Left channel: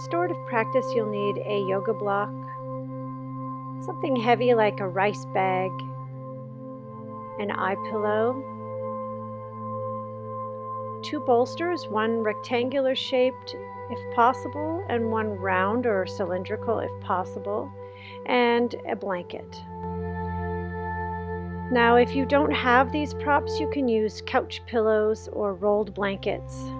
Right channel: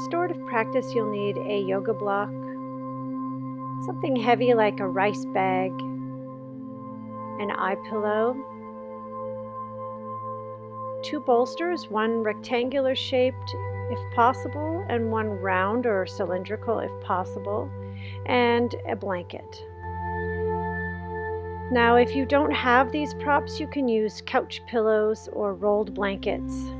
restorative practice, you'll need a yoga block, something heavy like a rice bag, an eye pillow, 2 bolsters, one rectangular shaped if possible, and one round or cylindrical if possible, and a blanket. Now, if you don't have these props, you can use couch pillows or rolled blankets.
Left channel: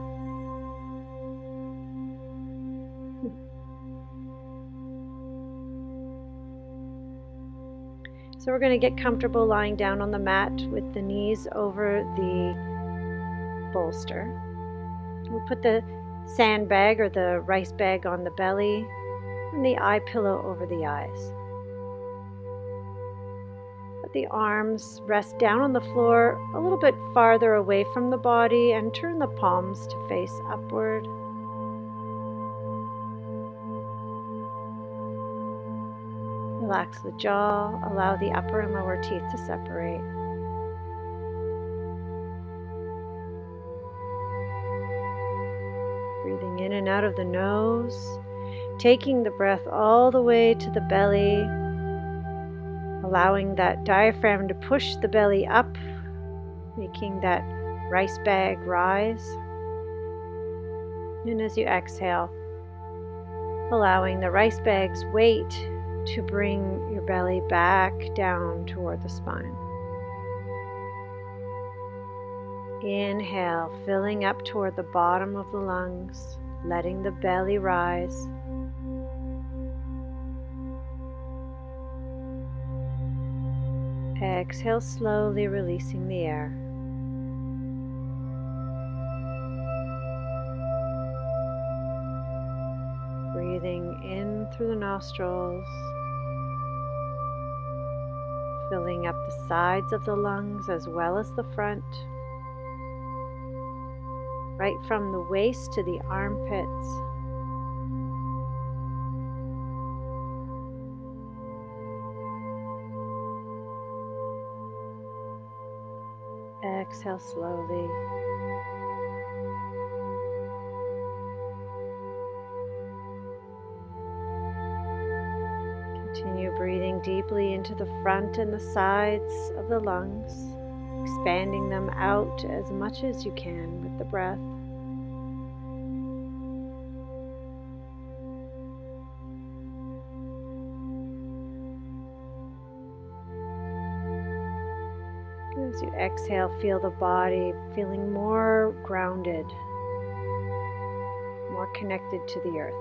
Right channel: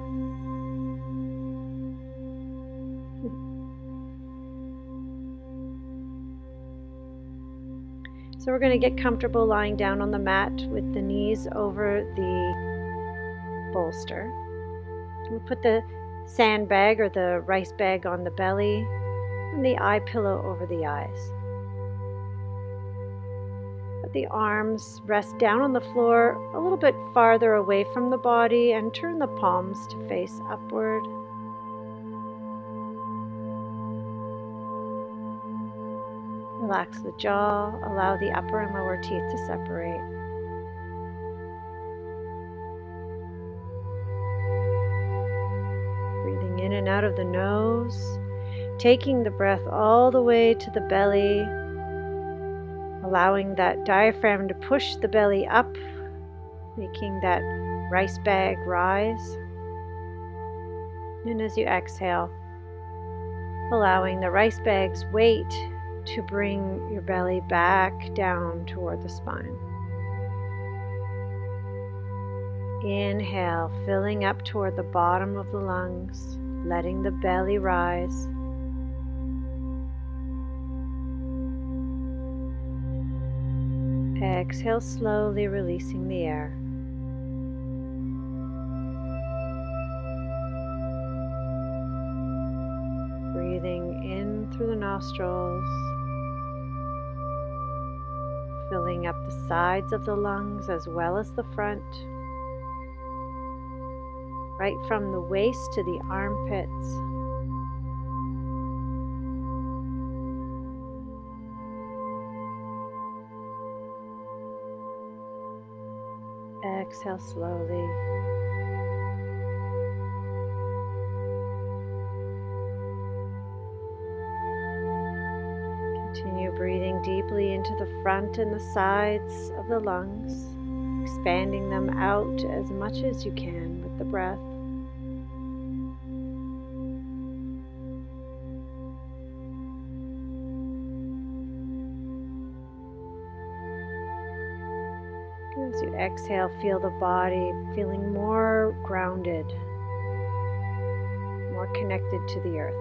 So we're going to get comfortable lying down on the mat with the knees over the bolster. We'll put the sandbag or the rice bag on the belly and the eye pillow over the eyes. Let the arms rest down on the floor a little bit farther away from the body and turn the palms to face upward. Relax the jaw, allow the upper and lower teeth to separate. Breathing in and out of the nose, taking the breath all the way to the belly, allowing that diaphragm to push the belly up, making that rice bag rise. And as you exhale, allowing the rice bag's weight to bring your belly back down toward the spine. Inhale, filling up toward the bottom of the lungs, letting the belly rise. Exhale, slowly releasing the air. Breathing in through the nostrils, filling up the sides of the lungs as well as the front, right from the waist to the armpits. Exhale slowly. Continue breathing deeply into the front and the sides of the lungs, expanding them out as much as you can with the breath. As you exhale, feel the body feeling more grounded, more connected to the earth.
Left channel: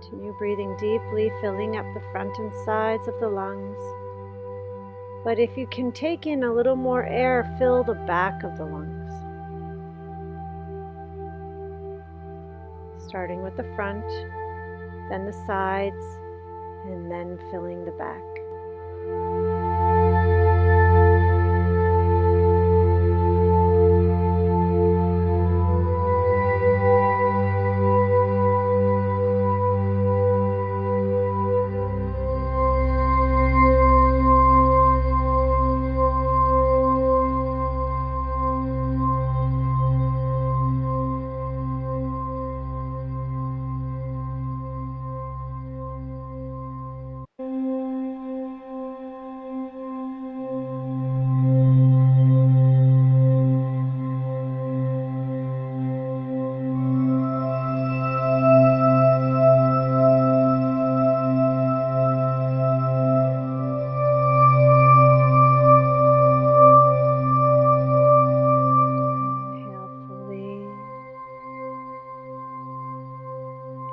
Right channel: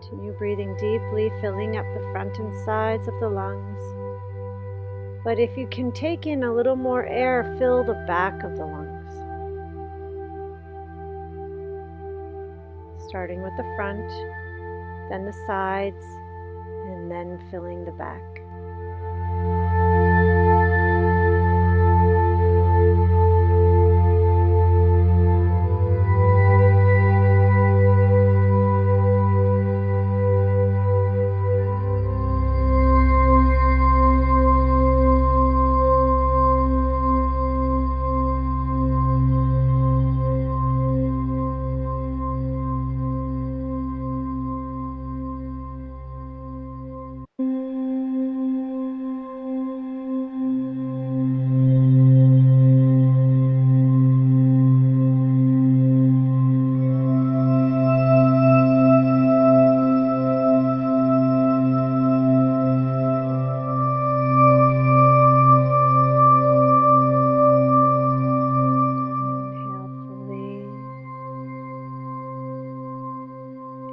Continue breathing deeply, filling up the front and sides of the lungs. But if you can take in a little more air, fill the back of the lungs. Starting with the front, then the sides, and then filling the back.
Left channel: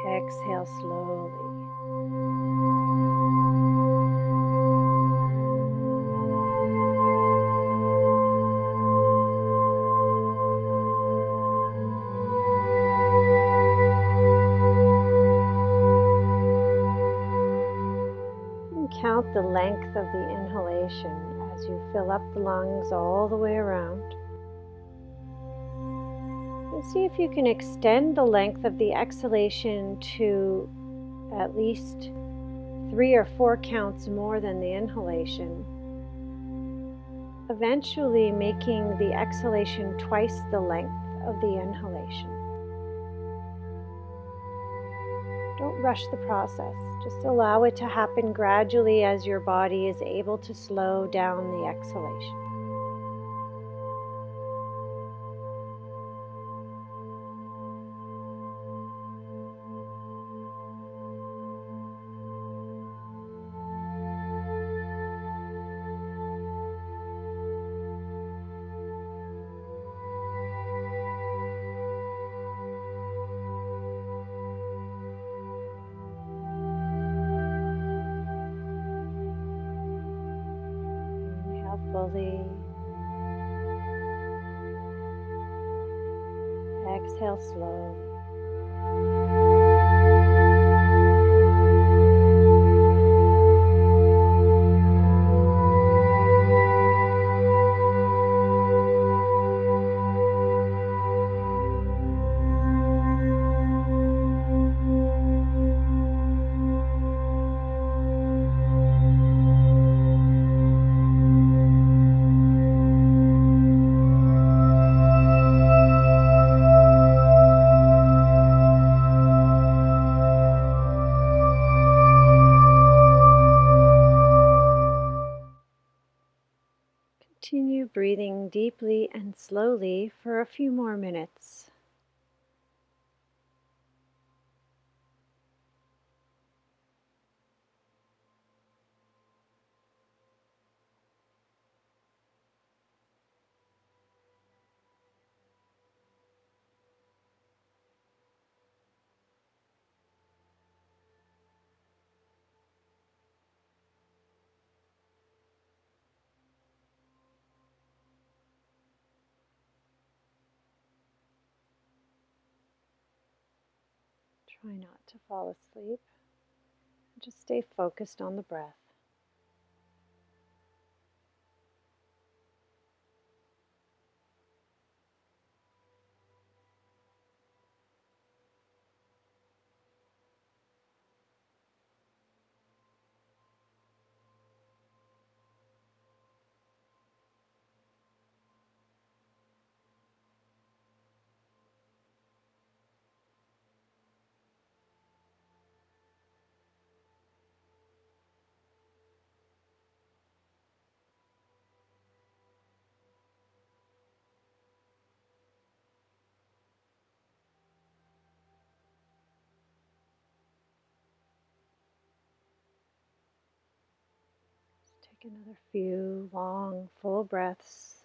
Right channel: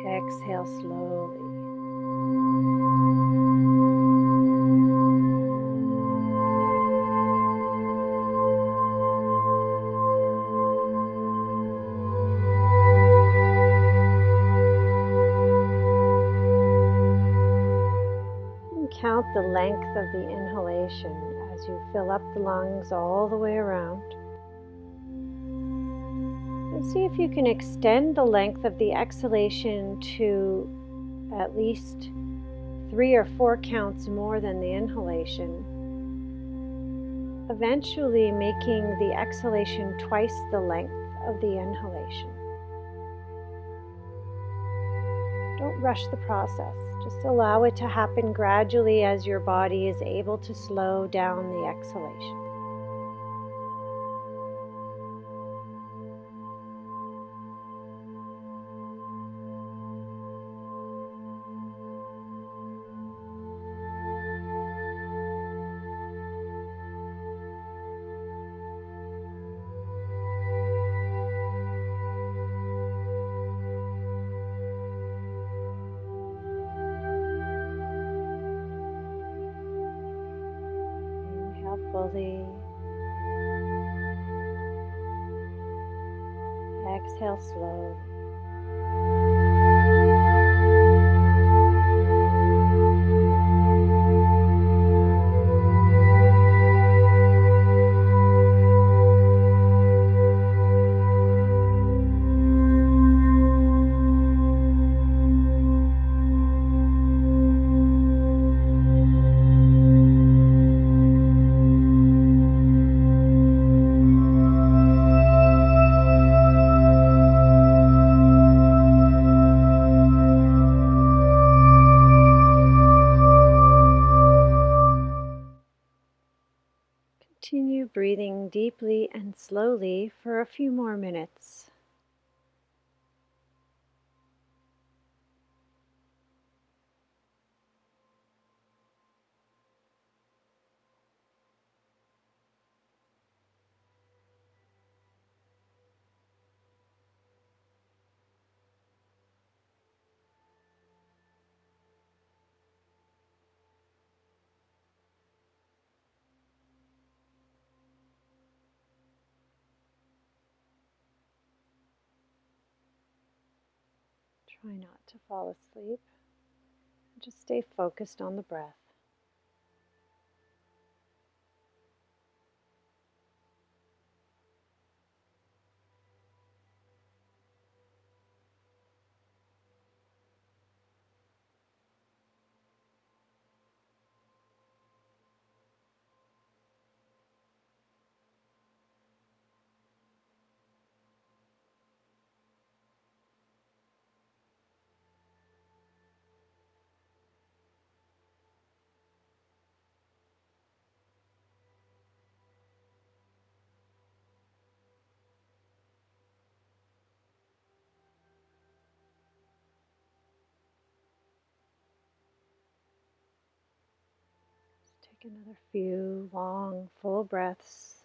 Exhale slowly. And count the length of the inhalation as you fill up the lungs all the way around. And see if you can extend the length of the exhalation to at least 3 or 4 counts more than the inhalation, eventually making the exhalation twice the length of the inhalation. Don't rush the process. Just allow it to happen gradually as your body is able to slow down the exhalation. Inhale fully. Exhale slowly. Continue breathing deeply and slowly for a few more minutes. Try not to fall asleep. Just stay focused on the breath. Take another few long, full breaths.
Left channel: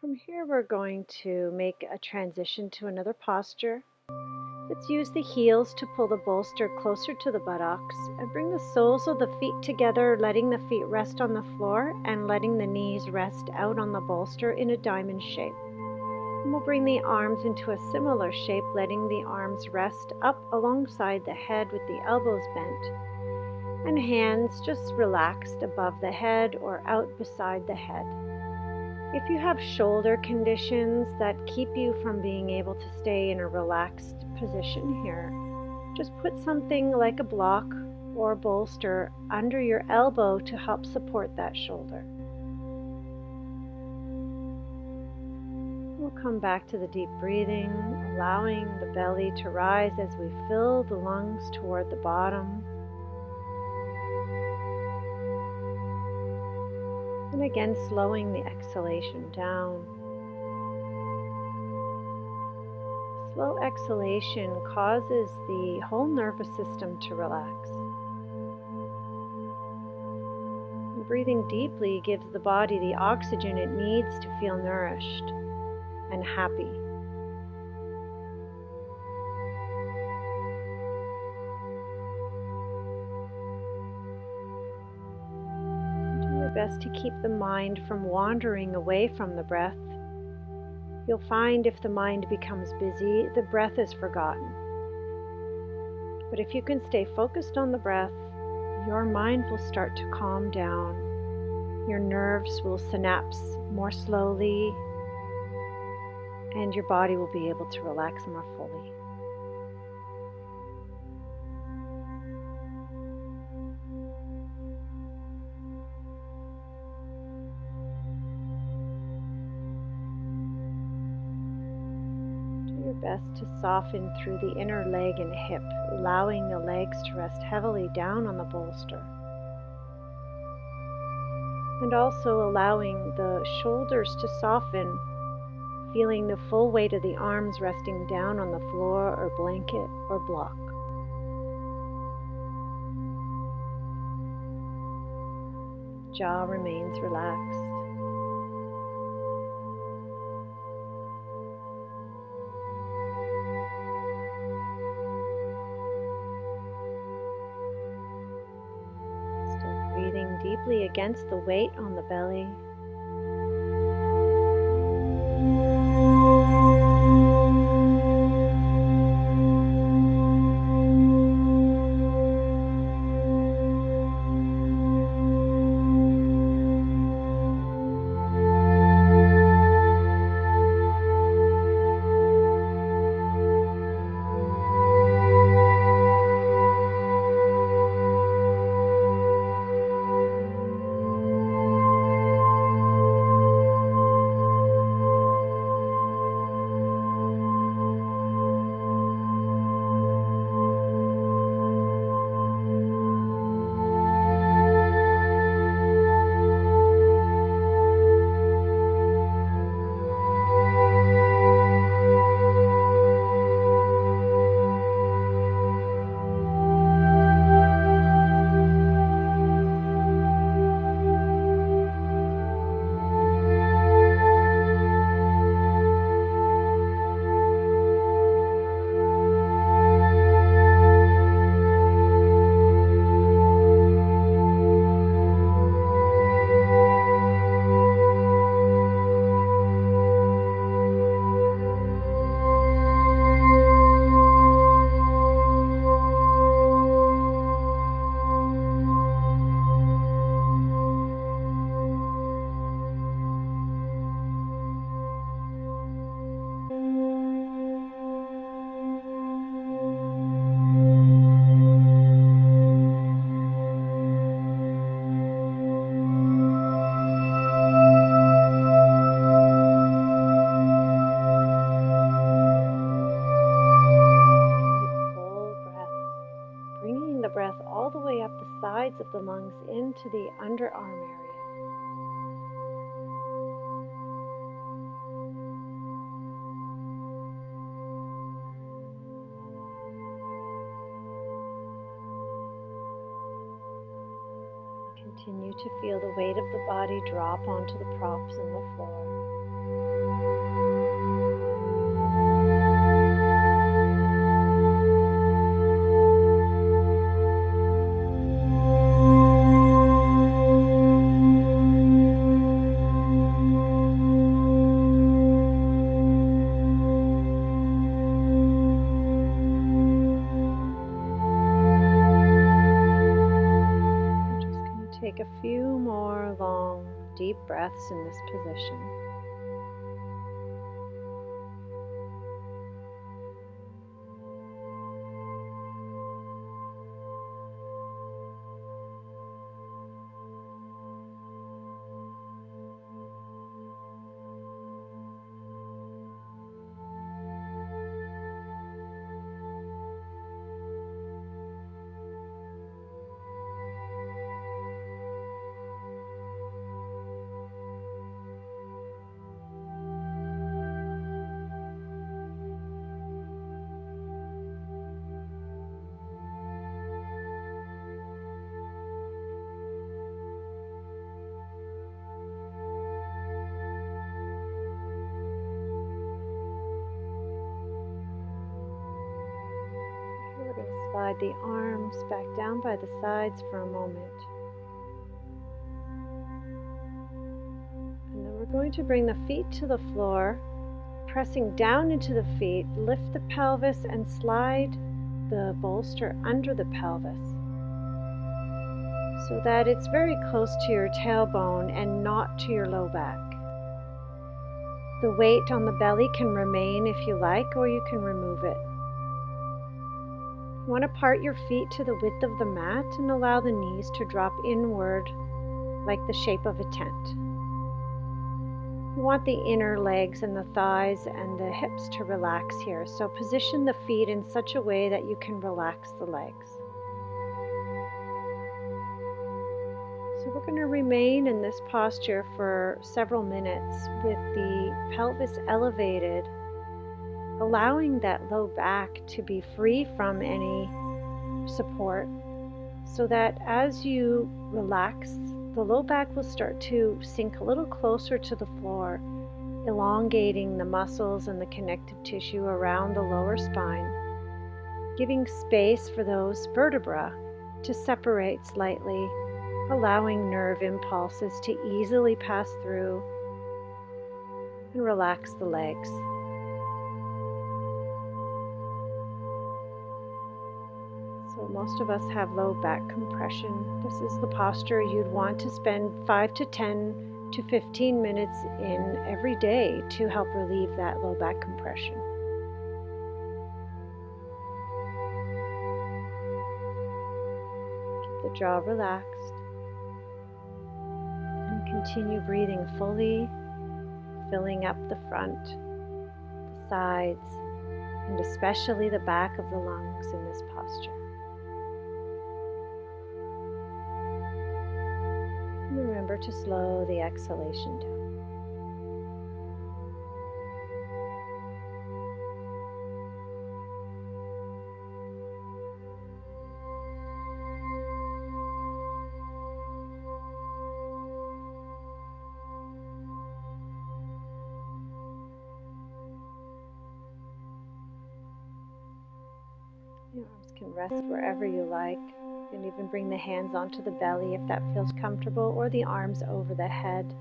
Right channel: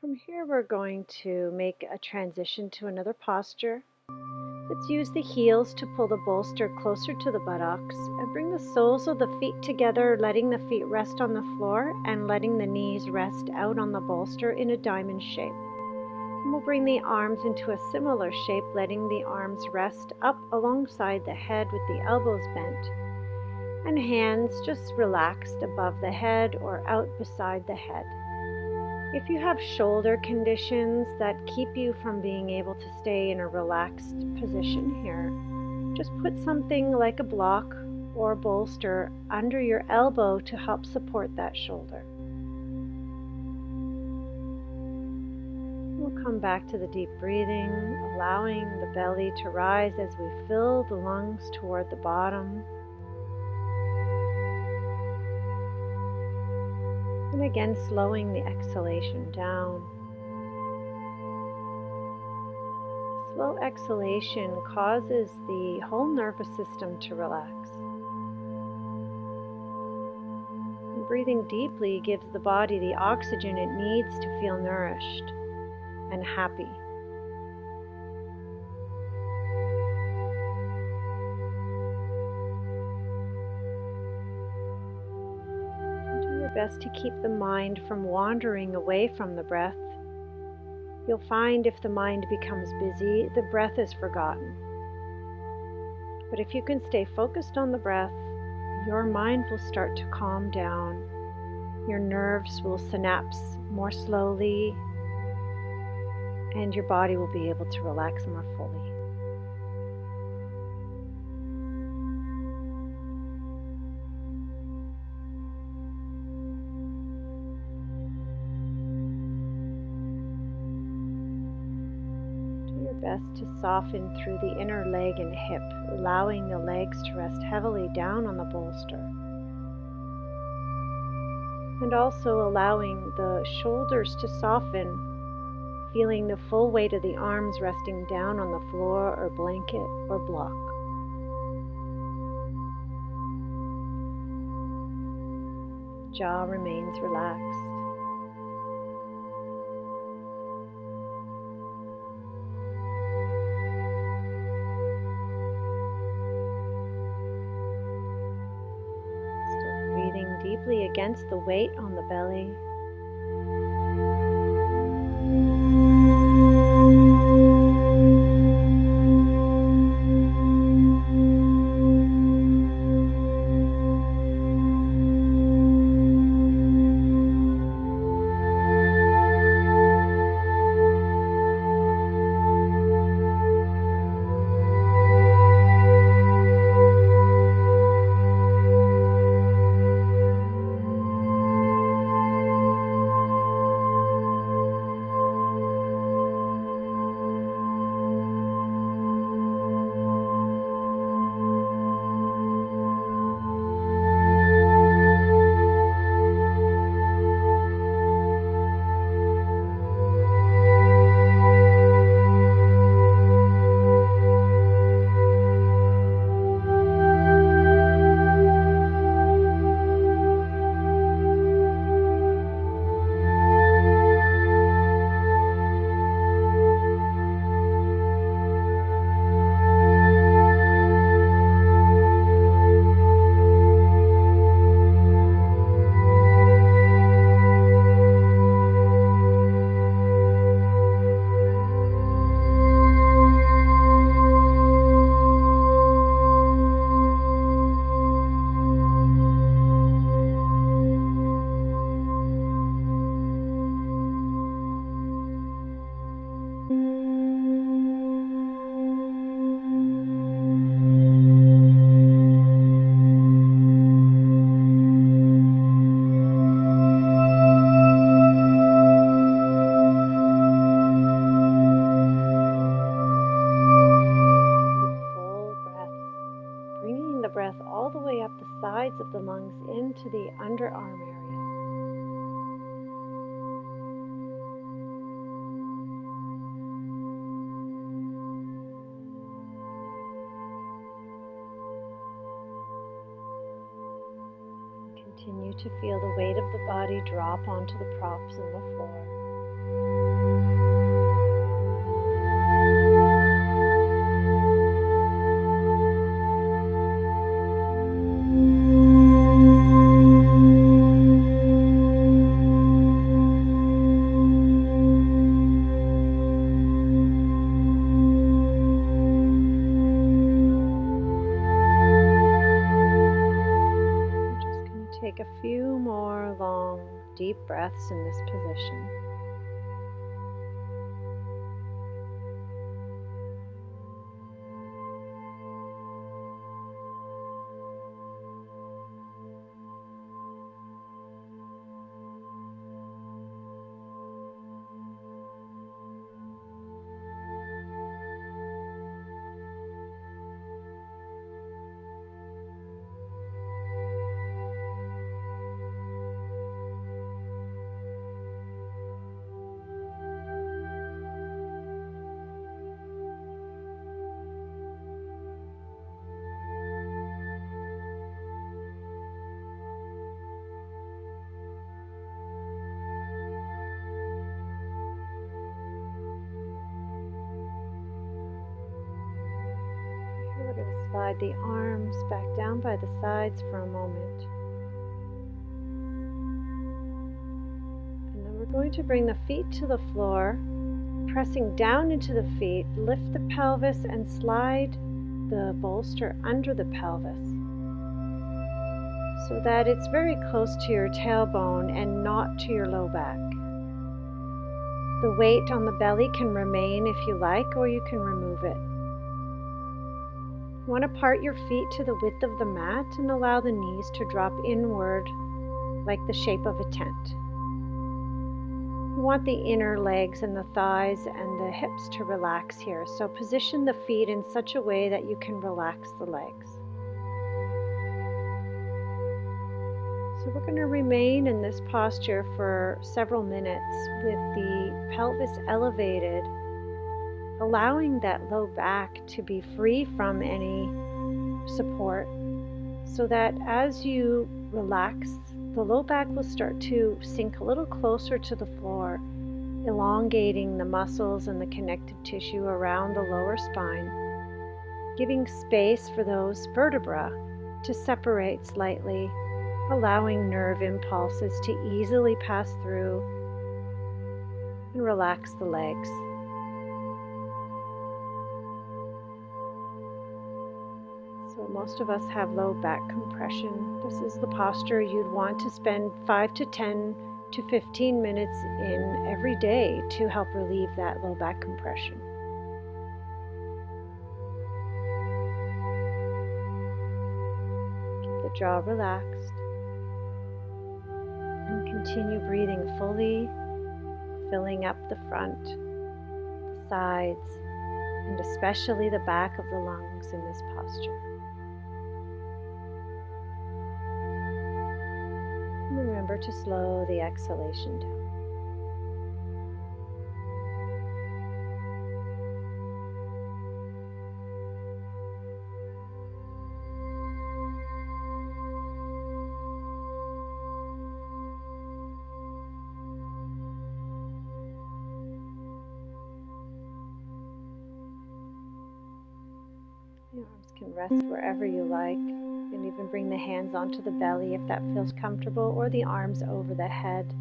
From here, we're going to make a transition to another posture. Let's use the heels to pull the bolster closer to the buttocks and bring the soles of the feet together, letting the feet rest on the floor and letting the knees rest out on the bolster in a diamond shape. And we'll bring the arms into a similar shape, letting the arms rest up alongside the head with the elbows bent, and hands just relaxed above the head or out beside the head. If you have shoulder conditions that keep you from being able to stay in a relaxed position here, just put something like a block or bolster under your elbow to help support that shoulder. We'll come back to the deep breathing, allowing the belly to rise as we fill the lungs toward the bottom. And again, slowing the exhalation down. slow exhalation causes the whole nervous system to relax. And breathing deeply gives the body the oxygen it needs to feel nourished and happy. Do your best to keep the mind from wandering away from the breath. You'll find if the mind becomes busy, the breath is forgotten. But if you can stay focused on the breath, your mind will start to calm down. Your nerves will synapse more slowly, and your body will be able to relax more fully. Do your best to soften through the inner leg and hip, allowing the legs to rest heavily down on the bolster. And also allowing the shoulders to soften, feeling the full weight of the arms resting down on the floor or blanket or block. Jaw remains relaxed. Still breathing deeply against the weight on the belly. The breath all the way up the sides of the lungs into the underarm area. Continue to feel the weight of the body drop onto the props in the floor. Take a few more long, deep breaths in this position. We're going to slide the arms back down by the sides for a moment. And then we're going to bring the feet to the floor, pressing down into the feet, lift the pelvis and slide the bolster under the pelvis so that it's very close to your tailbone and not to your low back. The weight on the belly can remain if you like, or you can remove it. You want to part your feet to the width of the mat and allow the knees to drop inward like the shape of a tent. You want the inner legs and the thighs and the hips to relax here, so position the feet in such a way that you can relax the legs. So we're going to remain in this posture for several minutes with the pelvis elevated, allowing that low back to be free from any support, so that as you relax, the low back will start to sink a little closer to the floor, elongating the muscles and the connective tissue around the lower spine, giving space for those vertebrae to separate slightly, allowing nerve impulses to easily pass through, and relax the legs. So most of us have low back compression. This is the posture you'd want to spend 5 to 10 to 15 minutes in every day to help relieve that low back compression. Keep the jaw relaxed and continue breathing fully, filling up the front, the sides, and especially the back of the lungs in this posture. Remember to slow the exhalation down. Your arms can rest wherever you like. You can even bring the hands onto the belly if that feels comfortable, or the arms over the head.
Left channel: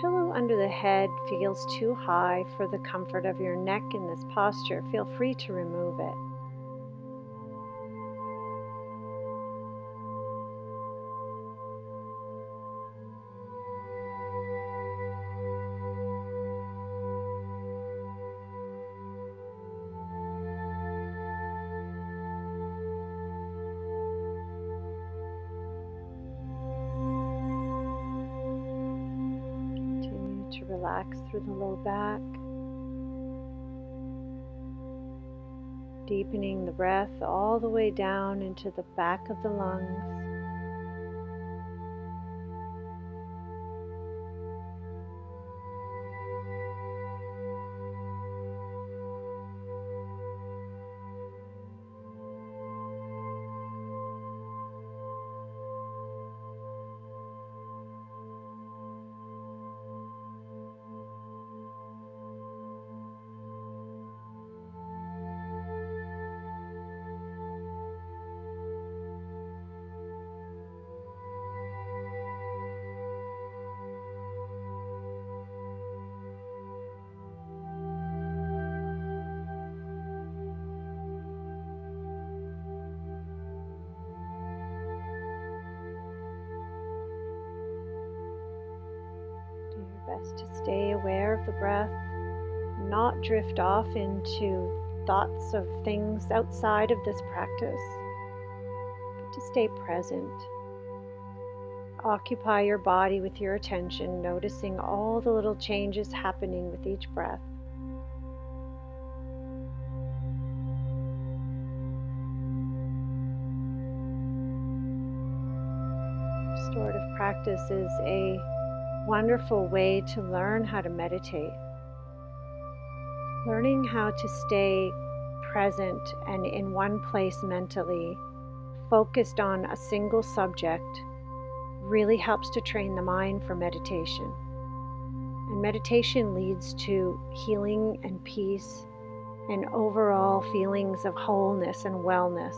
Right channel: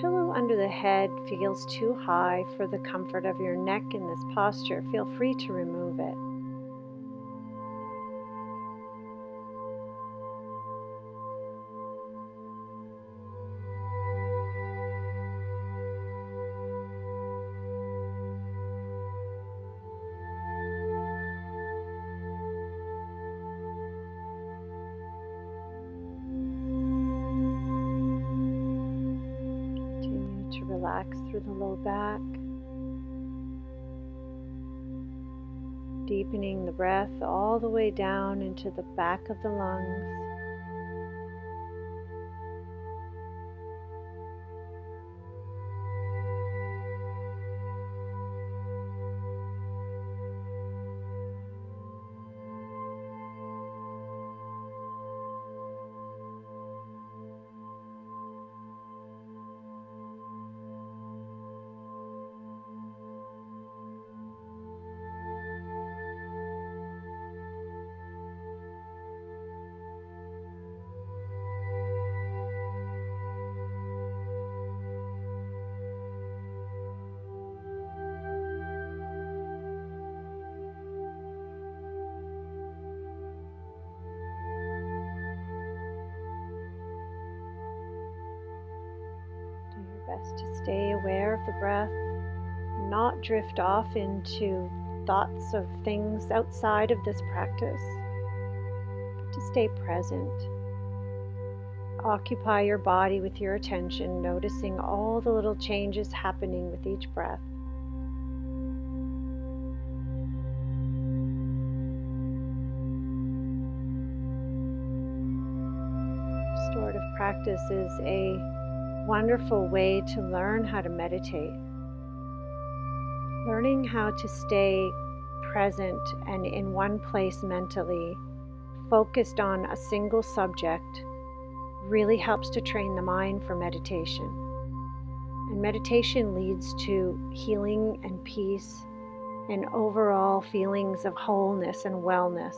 Pillow under the head feels too high for the comfort of your neck in this posture, feel free to remove it. To relax through the low back, deepening the breath all the way down into the back of the lungs. Best to stay aware of the breath, not drift off into thoughts of things outside of this practice, but to stay present. Occupy your body with your attention, noticing all the little changes happening with each breath. Restorative practice is a wonderful way to learn how to meditate. Learning how to stay present and in one place mentally, focused on a single subject, really helps to train the mind for meditation. And meditation leads to healing and peace and overall feelings of wholeness and wellness.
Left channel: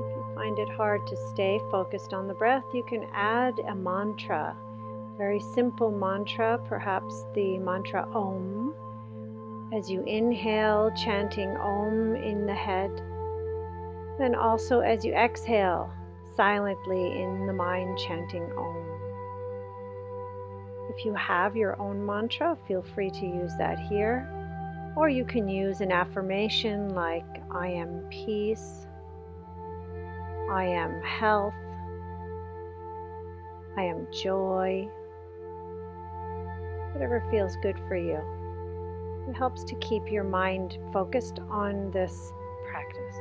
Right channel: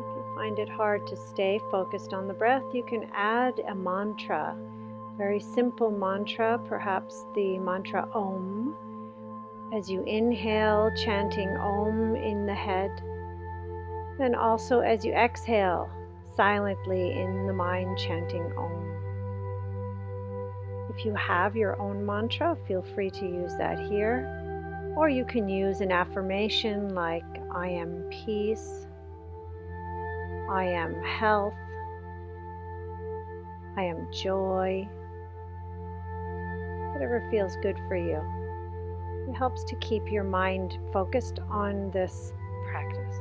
If you find it hard to stay focused on the breath, you can add a mantra, very simple mantra, perhaps the mantra Om. As you inhale, chanting Om in the head, and also as you exhale, silently in the mind chanting Om. If you have your own mantra, feel free to use that here, or you can use an affirmation like I am peace, I am health, I am joy, whatever feels good for you. It helps to keep your mind focused on this practice.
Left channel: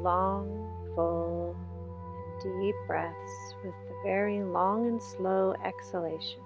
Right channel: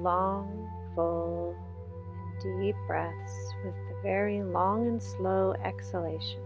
Long, full, and deep breaths with the very long and slow exhalation.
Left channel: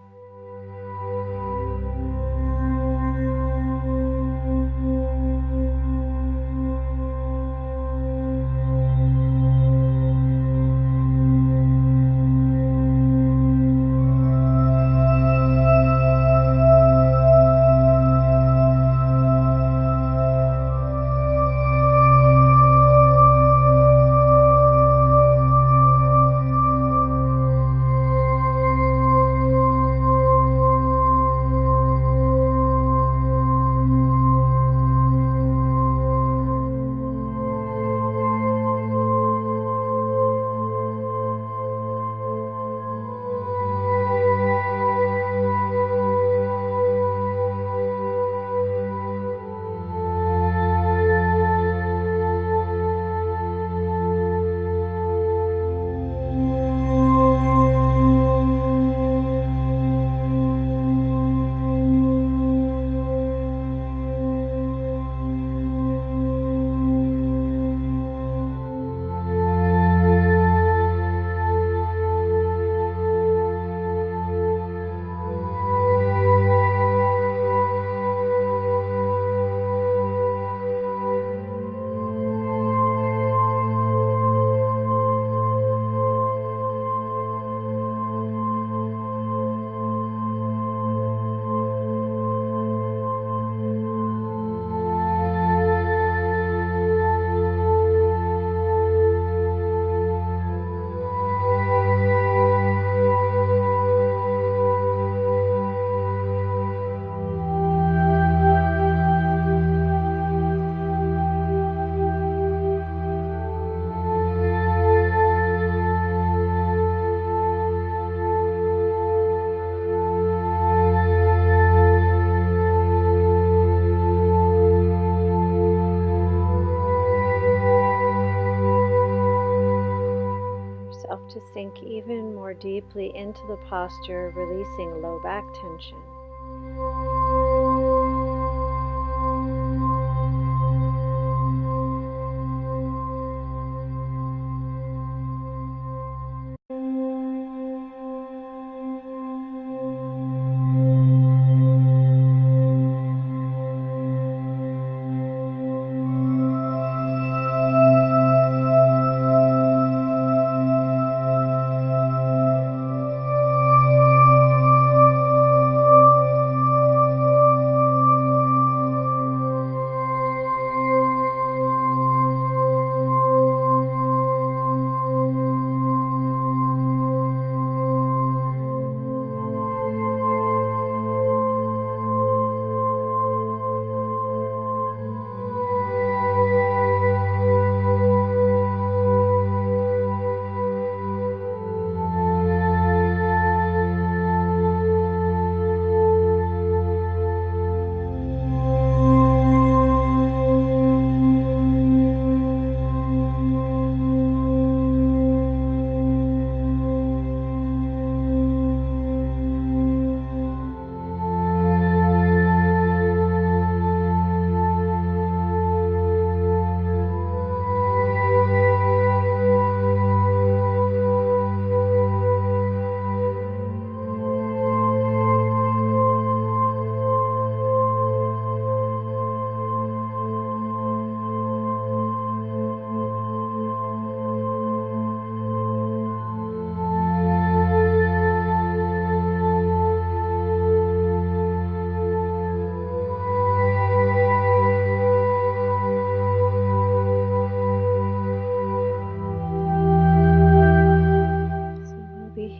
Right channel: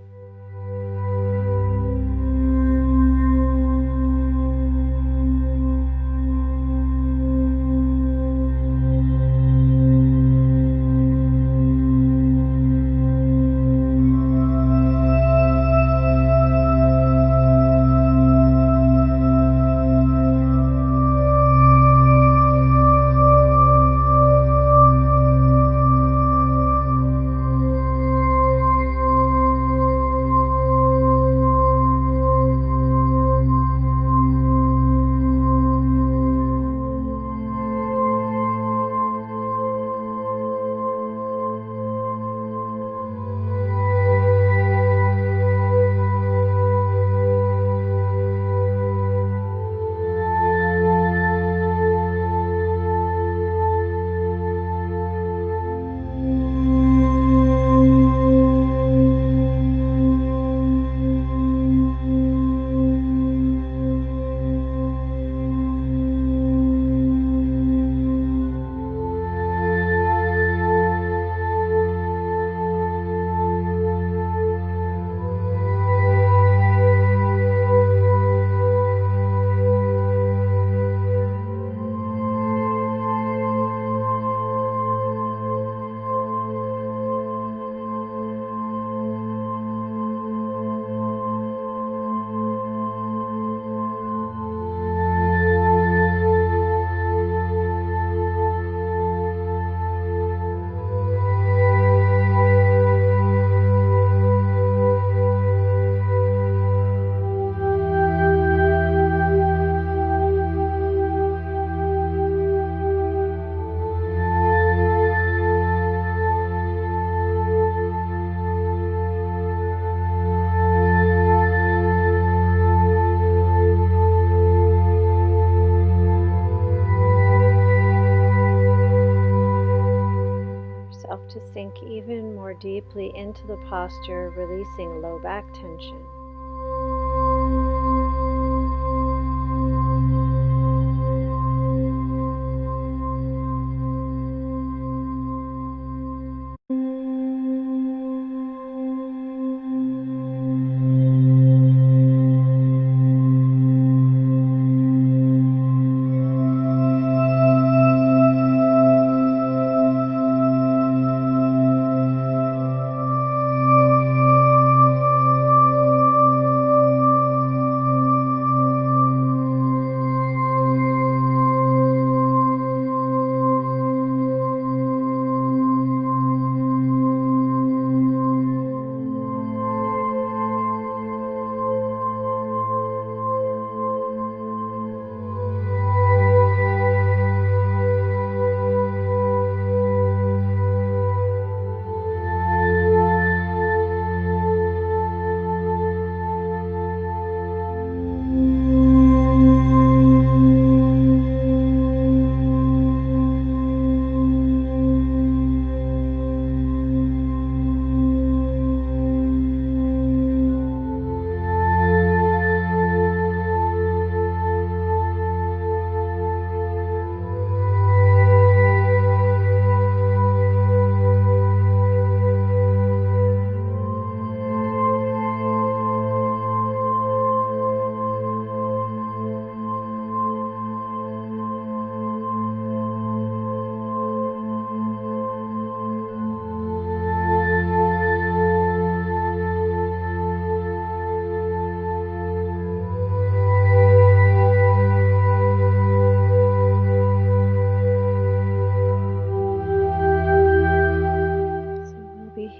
yourself to sink even more deeply into the posture, releasing low back tension.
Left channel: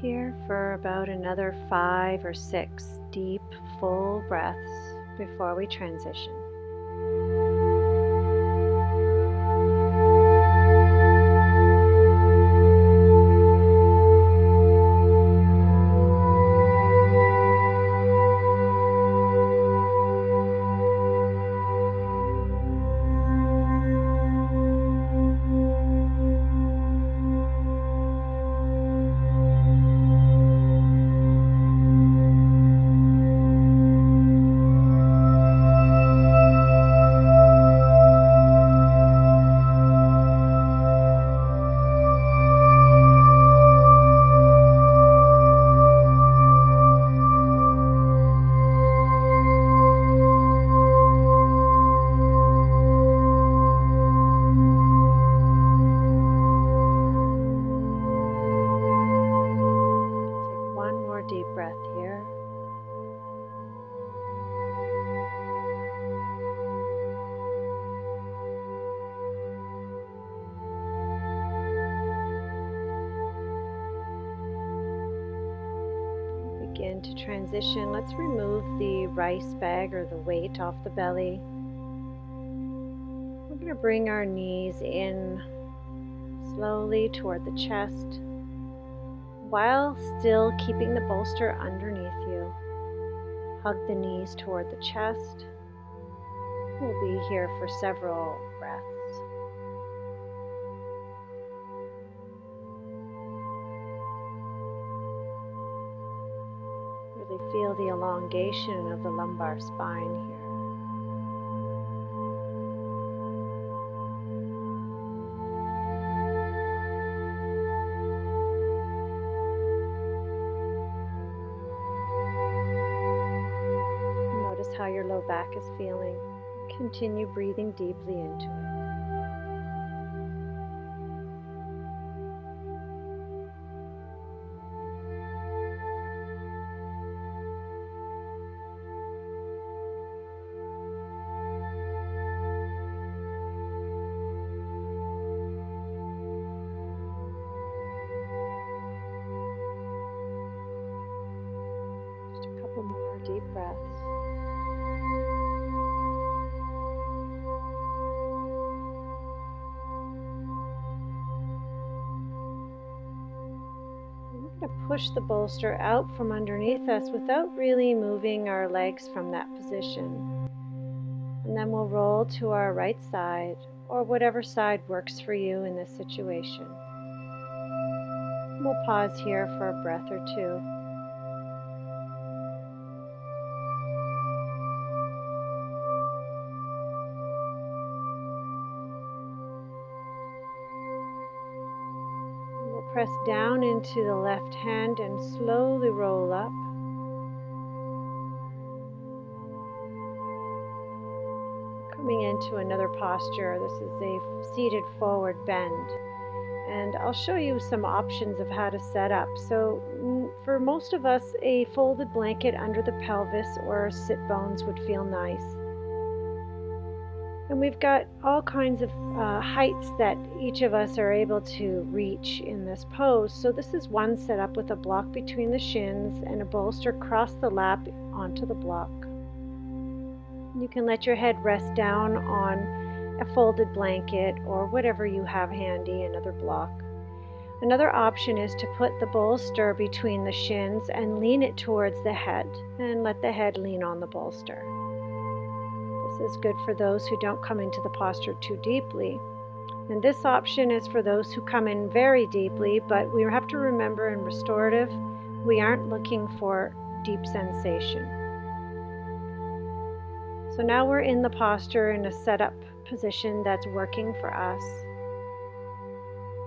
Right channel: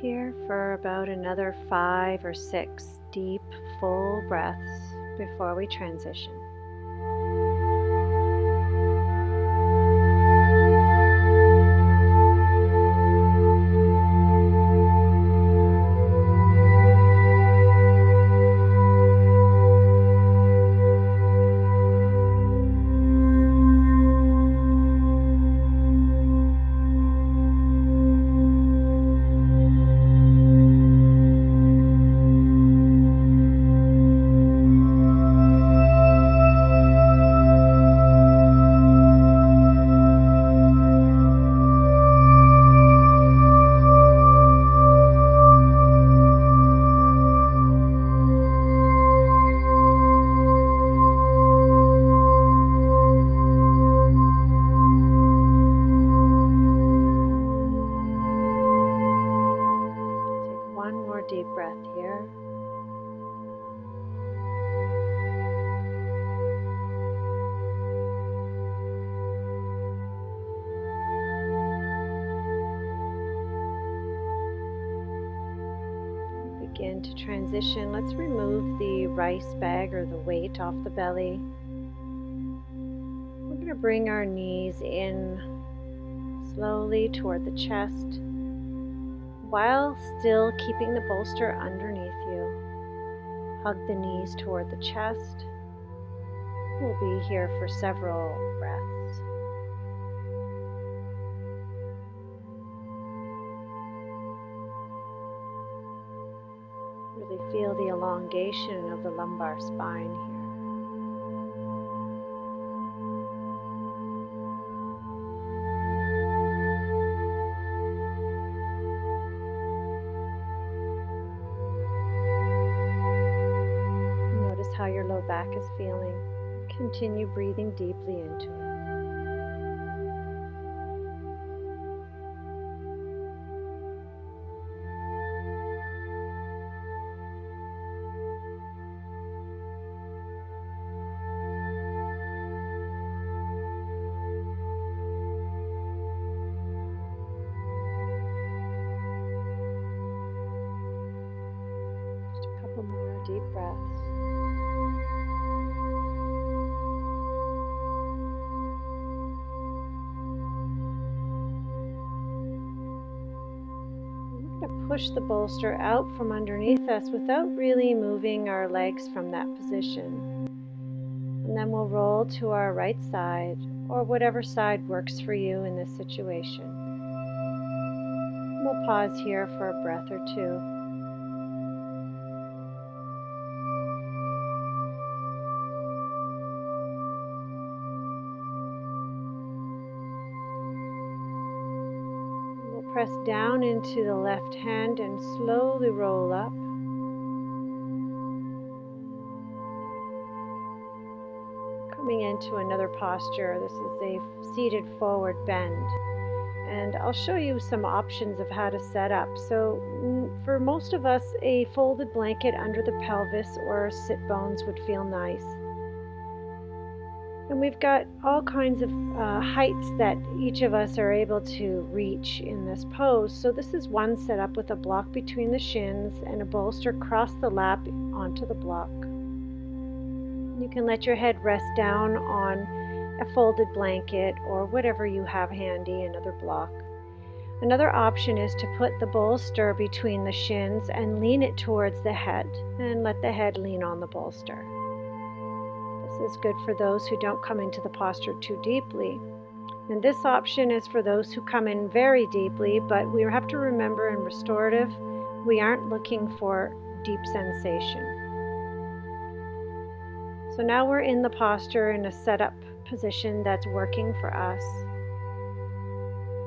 Here for about another 5 or 6 deep, full breaths before we transition. One more deep breath here. Begin to transition. Let's remove the rice bag or the weight off the belly. We're going to bring our knees in slowly toward the chest, while still keeping the bolster underneath you. Hug the knees toward the chest. We'll be here for several breaths. Really feel the elongation of the lumbar spine here. Notice how your low back is feeling. Continue breathing deeply into it. Just a couple more deep breaths. We're going to push the bolster out from underneath us without really moving our legs from that position. And then we'll roll to our right side, or whatever side works for you in this situation. We'll pause here for a breath or two. We'll press down into the left hand and slowly roll up. Coming into another posture. This is a seated forward bend. And I'll show you some options of how to set up. So for most of us, a folded blanket under the pelvis or sit bones would feel nice. And we've got all kinds of heights that each of us are able to reach in this pose. So this is one setup with a block between the shins and a bolster across the lap onto the block. You can let your head rest down on a folded blanket or whatever you have handy, another block. Another option is to put the bolster between the shins and lean it towards the head and let the head lean on the bolster. This is good for those who don't come into the posture too deeply. And this option is for those who come in very deeply, but we have to remember in restorative, we aren't looking for deep sensation. So now we're in the posture in a setup position that's working for us.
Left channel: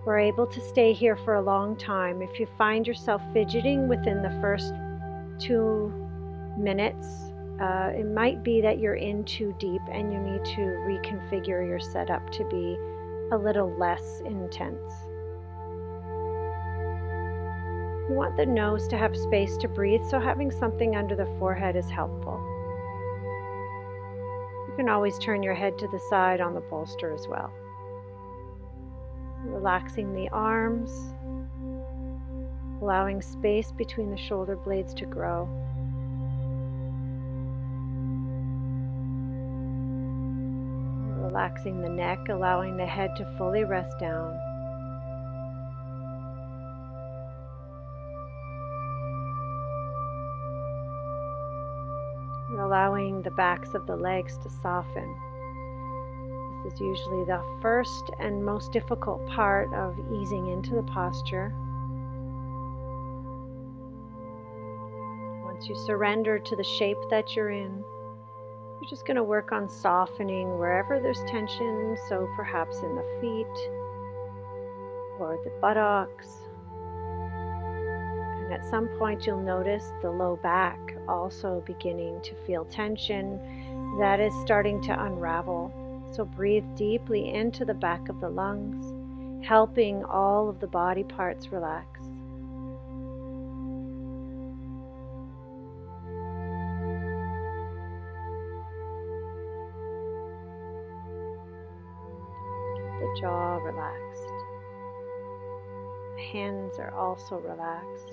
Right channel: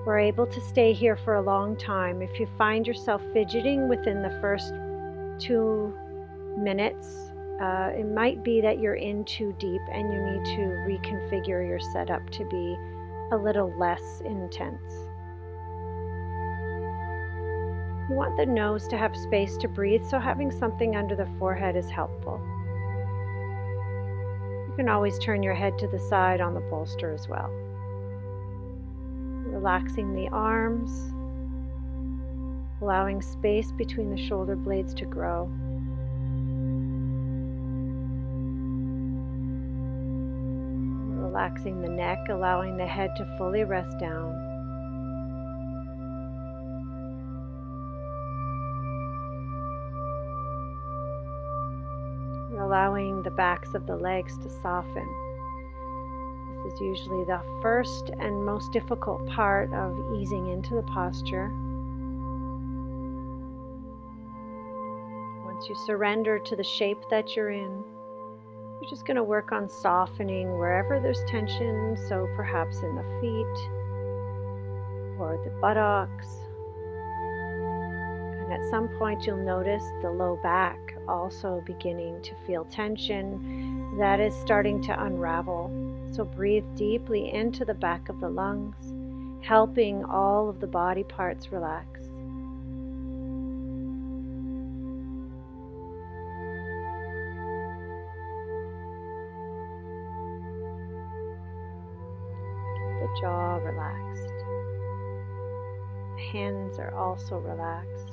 We're able to stay here for a long time. If you find yourself fidgeting within the first 2 minutes, it might be that you're in too deep and you need to reconfigure your setup to be a little less intense. You want the nose to have space to breathe, so having something under the forehead is helpful. You can always turn your head to the side on the bolster as well. Relaxing the arms, allowing space between the shoulder blades to grow. Relaxing the neck, allowing the head to fully rest down. We're allowing the backs of the legs to soften. This is usually the first and most difficult part of easing into the posture. Once you surrender to the shape that you're in, you're just going to work on softening wherever there's tension, so perhaps in the feet or the buttocks. And at some point you'll notice the low back also beginning to feel tension that is starting to unravel. So breathe deeply into the back of the lungs, helping all of the body parts relax. Keep the jaw relaxed. The hands are also relaxed.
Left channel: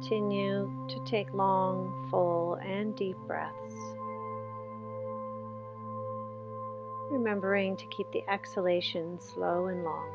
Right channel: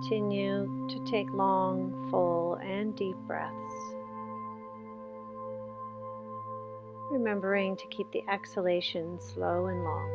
Continue to take long, full, and deep breaths. remembering to keep the exhalation slow and long.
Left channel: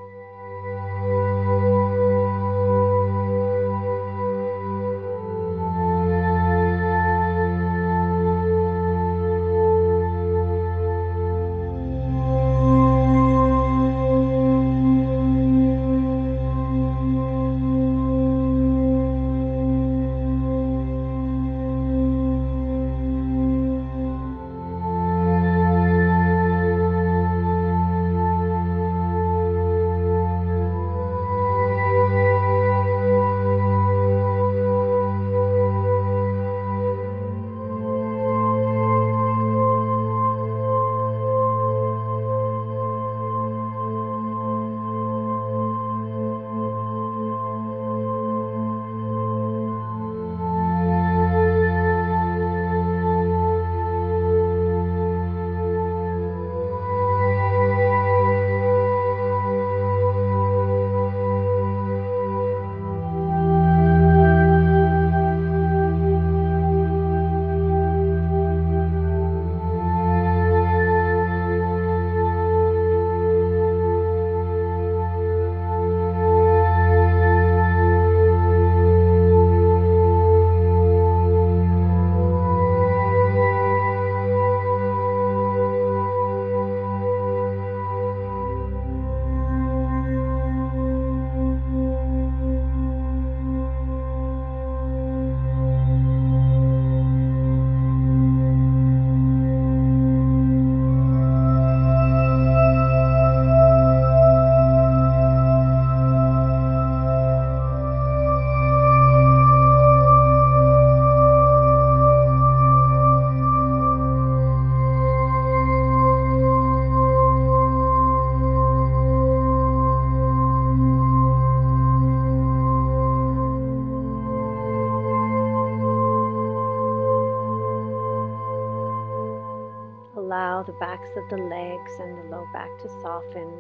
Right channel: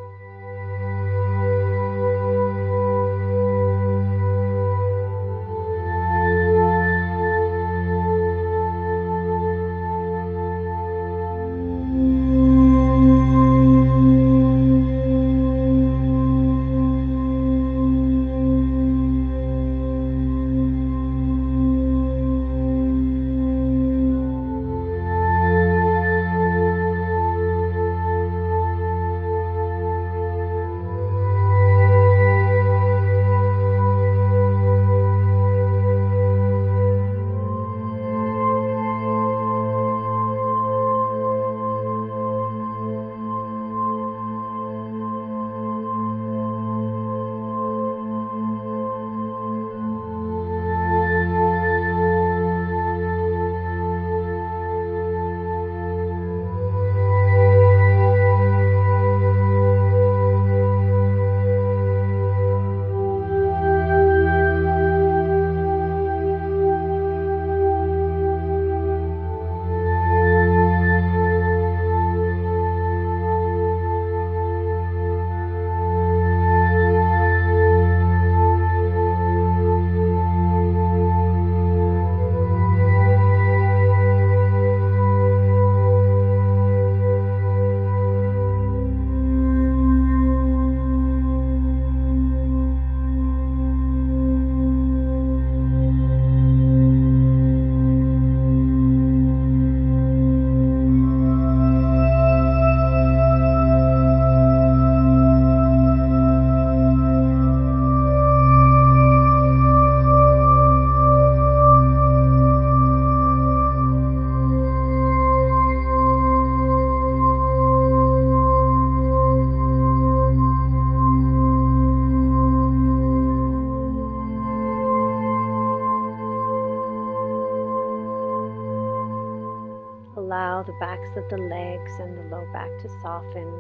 Allow the backs of the legs and the low back to soften,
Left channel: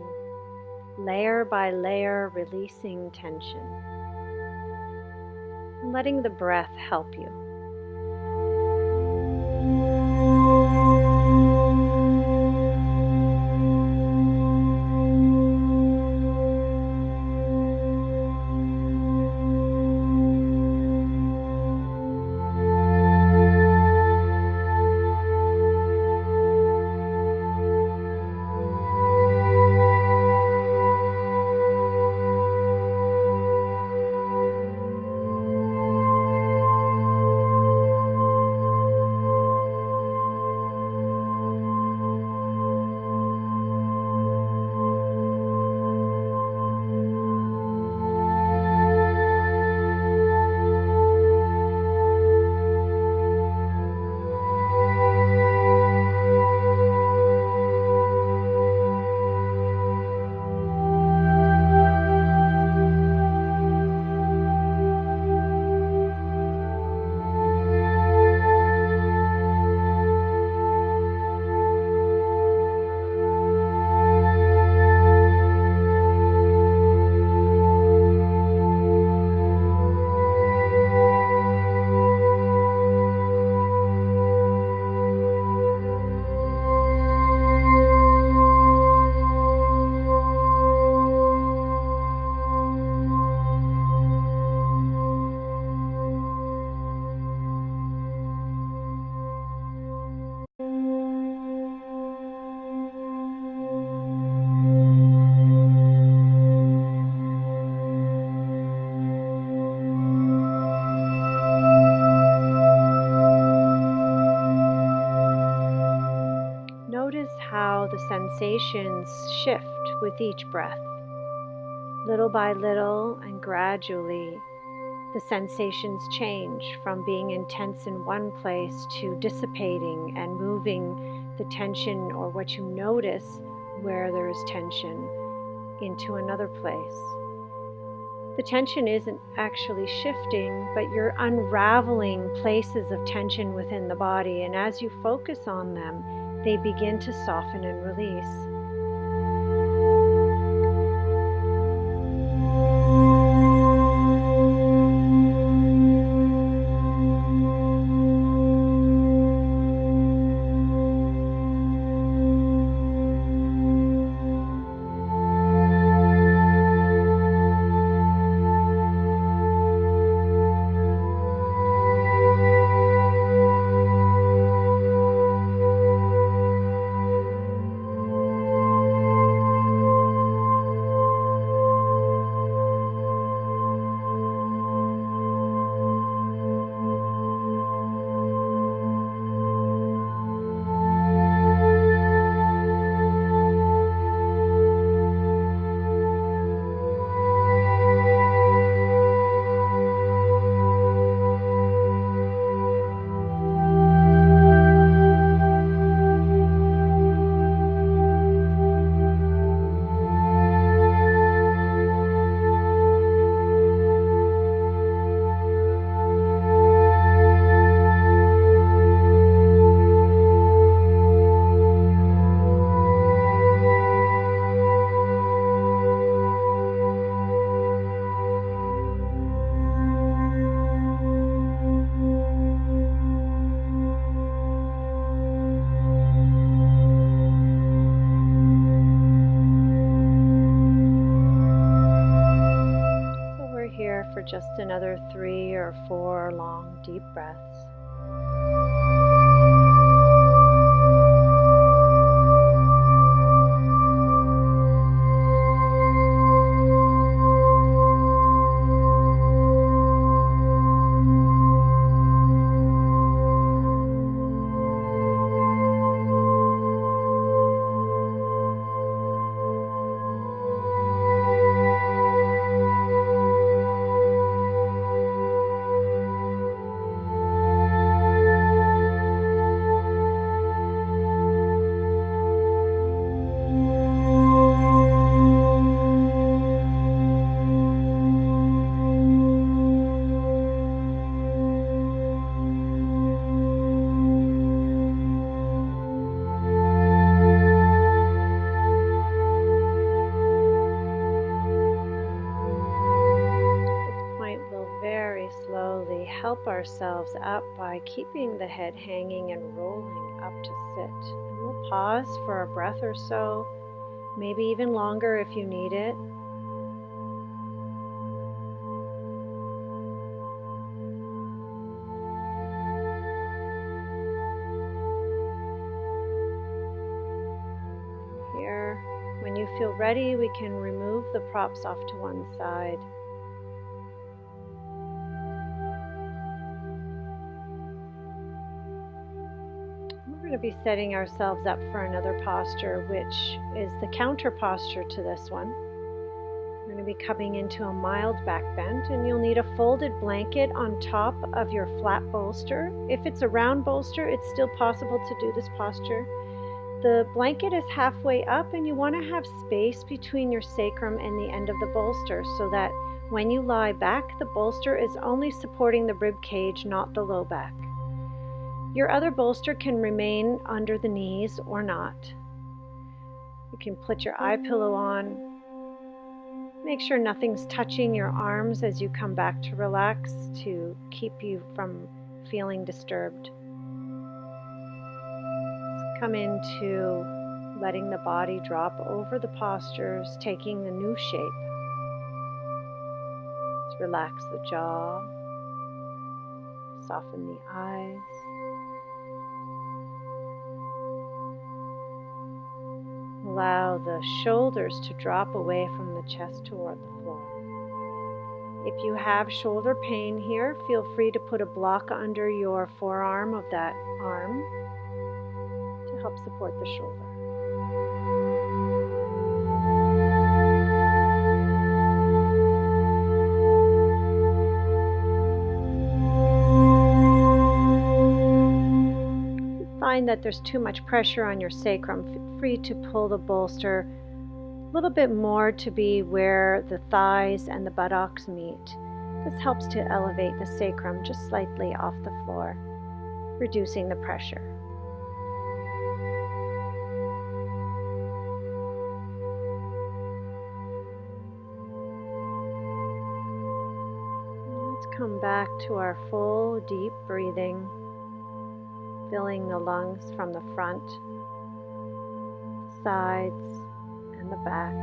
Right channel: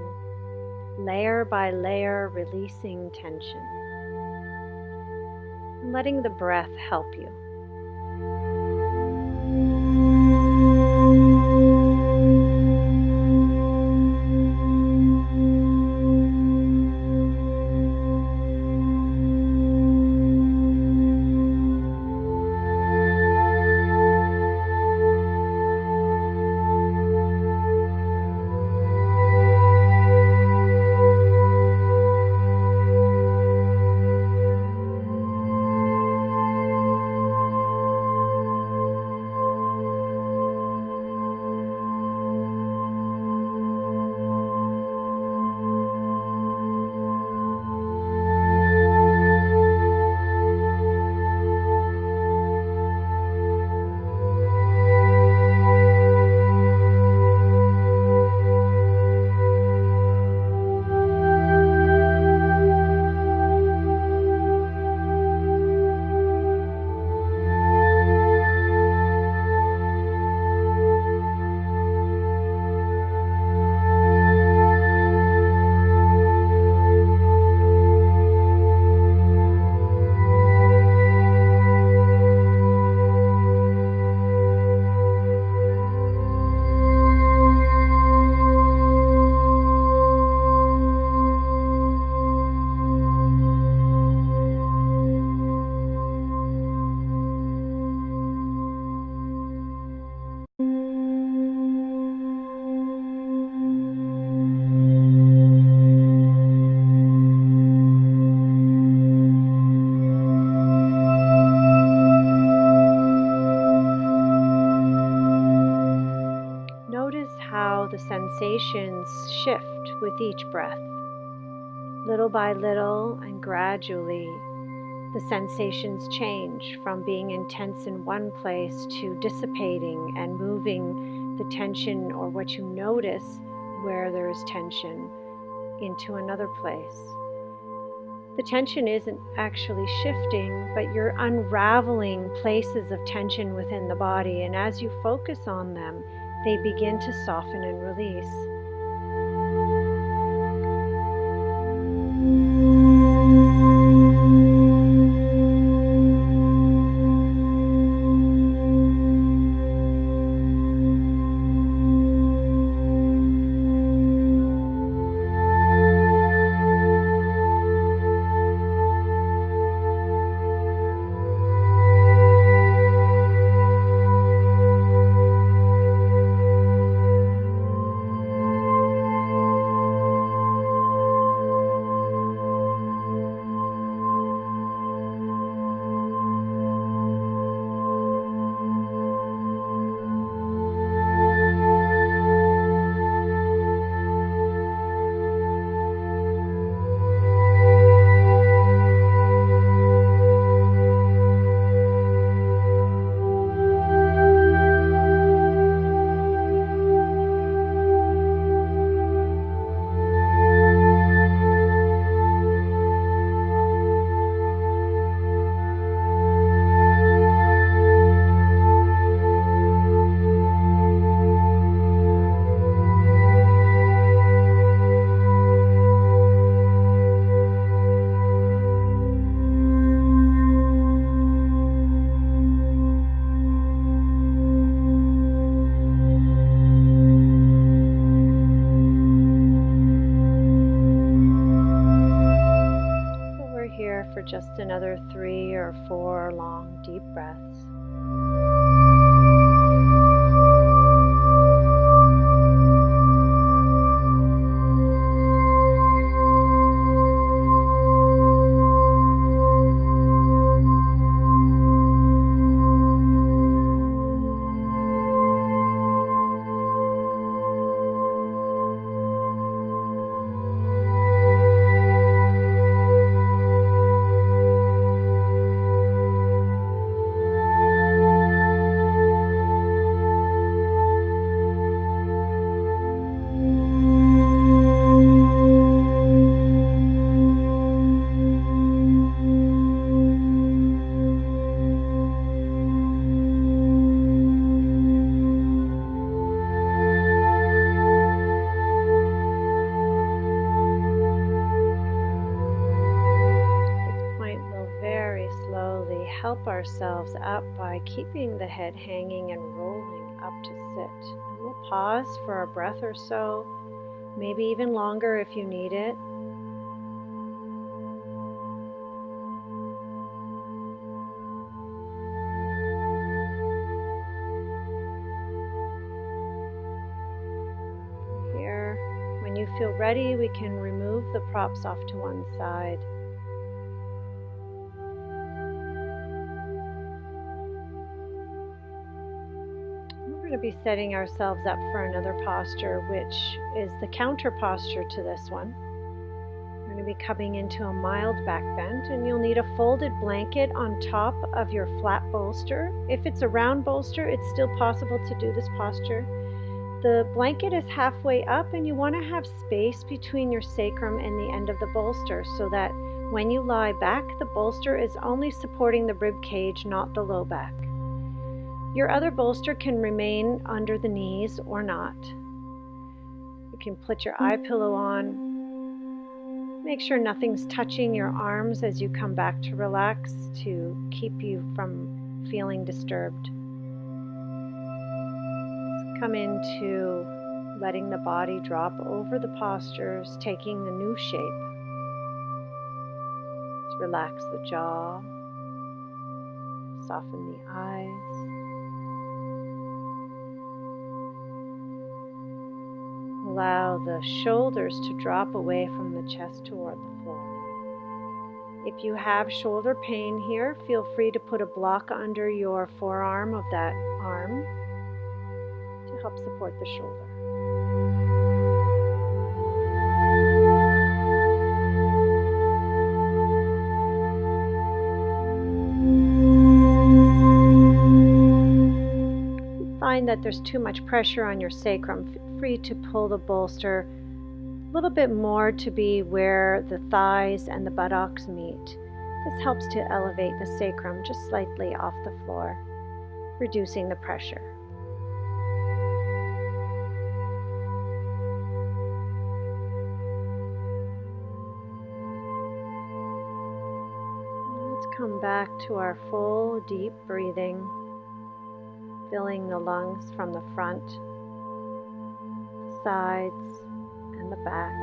layer by layer, releasing tension, and letting the breath help you. Notice how the sensations shift with each breath. Little by little and gradually, the sensations change from being intense in one place to dissipating and moving the tension, or what you notice where there is tension, into another place. The tension isn't actually shifting, but you're unraveling places of tension within the body, and as you focus on them, they begin to soften and release. for just another 3 or 4 long, deep breaths. Very slowly help ourselves up by keeping the head hanging and rolling up to sit. And we'll pause for a breath or so, maybe even longer if you need it. Here, when you feel ready, we can remove the props off to one side. We're going to be setting ourselves up for another posture, which is the counter posture to this one. We're going to be coming into a mild back bend, and you'll need a folded blanket on top of your flat bolster. If it's a round bolster, it's still possible to do this posture. The blanket is halfway up, and you want to have space between your sacrum and the end of the bolster so that when you lie back, the bolster is only supporting the rib cage, not the low back. Your other bolster can remain under the knees or not. You can put your eye pillow on. Make sure nothing's touching your arms as you come back to relax to keep you from feeling disturbed. Let's come into letting the body drop over the postures, taking a new shape. Let's relax the jaw, soften the eyes. Allow the shoulders to drop away from the chest toward the floor. If you have shoulder pain here, feel free to put a block under your forearm of that arm to help support the shoulder. Find that there's too much pressure on your sacrum, feel free to pull the bolster a little bit more to be where the thighs and the buttocks meet. This helps to elevate the sacrum just slightly off the floor, reducing the pressure. Let's come back to our full deep breathing. Filling the lungs from the front, the sides, and the back.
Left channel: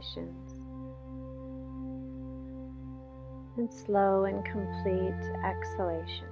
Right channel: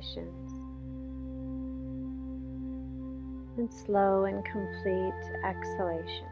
inhalations and slow and complete exhalations.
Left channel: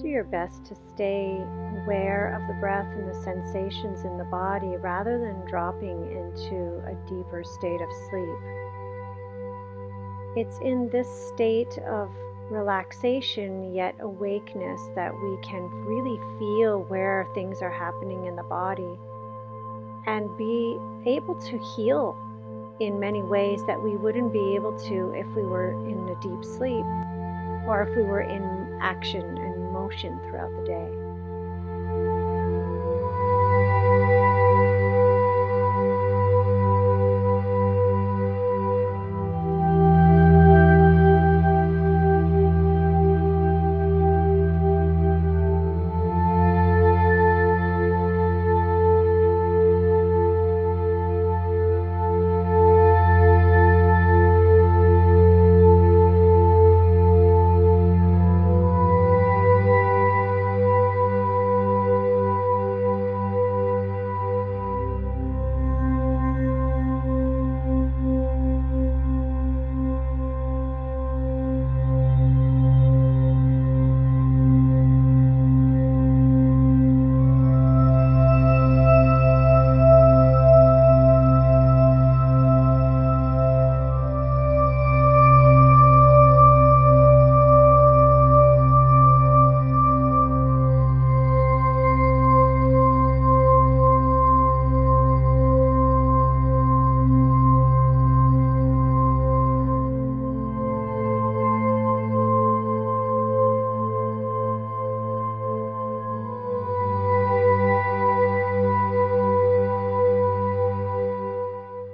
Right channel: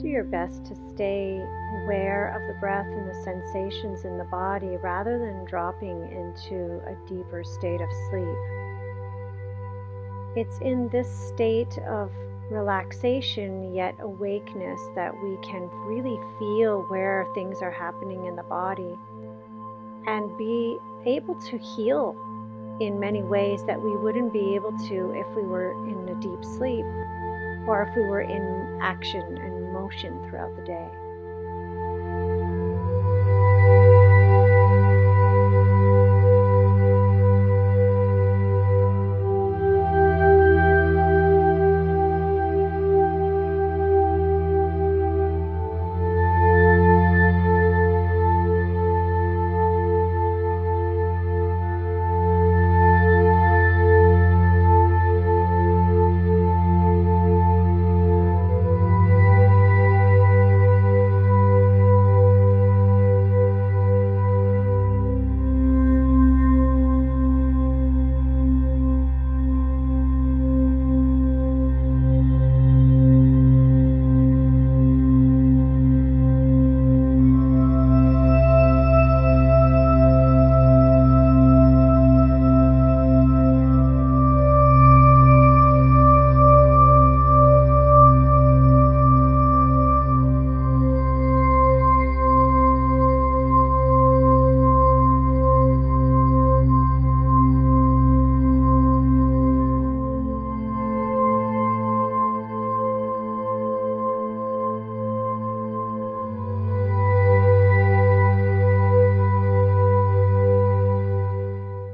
Do your best to stay aware of the breath and the sensations in the body rather than dropping into a deeper state of sleep. It's in this state of relaxation yet awakeness that we can really feel where things are happening in the body and be able to heal in many ways that we wouldn't be able to if we were in a deep sleep or if we were in action and motion throughout the day.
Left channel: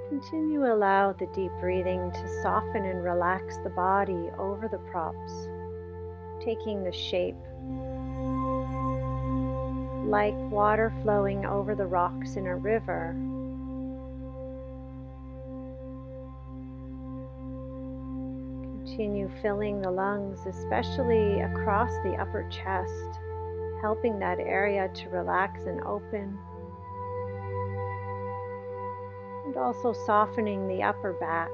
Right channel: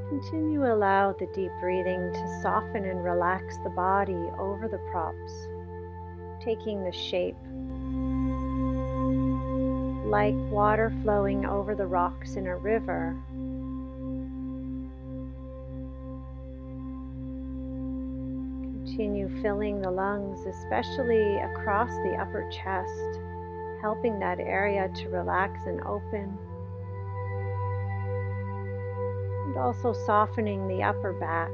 Continue to allow the deep breathing to soften and relax the body over the props, taking the shape like water flowing over the rocks in a river. Continue filling the lungs, especially across the upper chest, helping that area to relax and open. And also softening the upper back.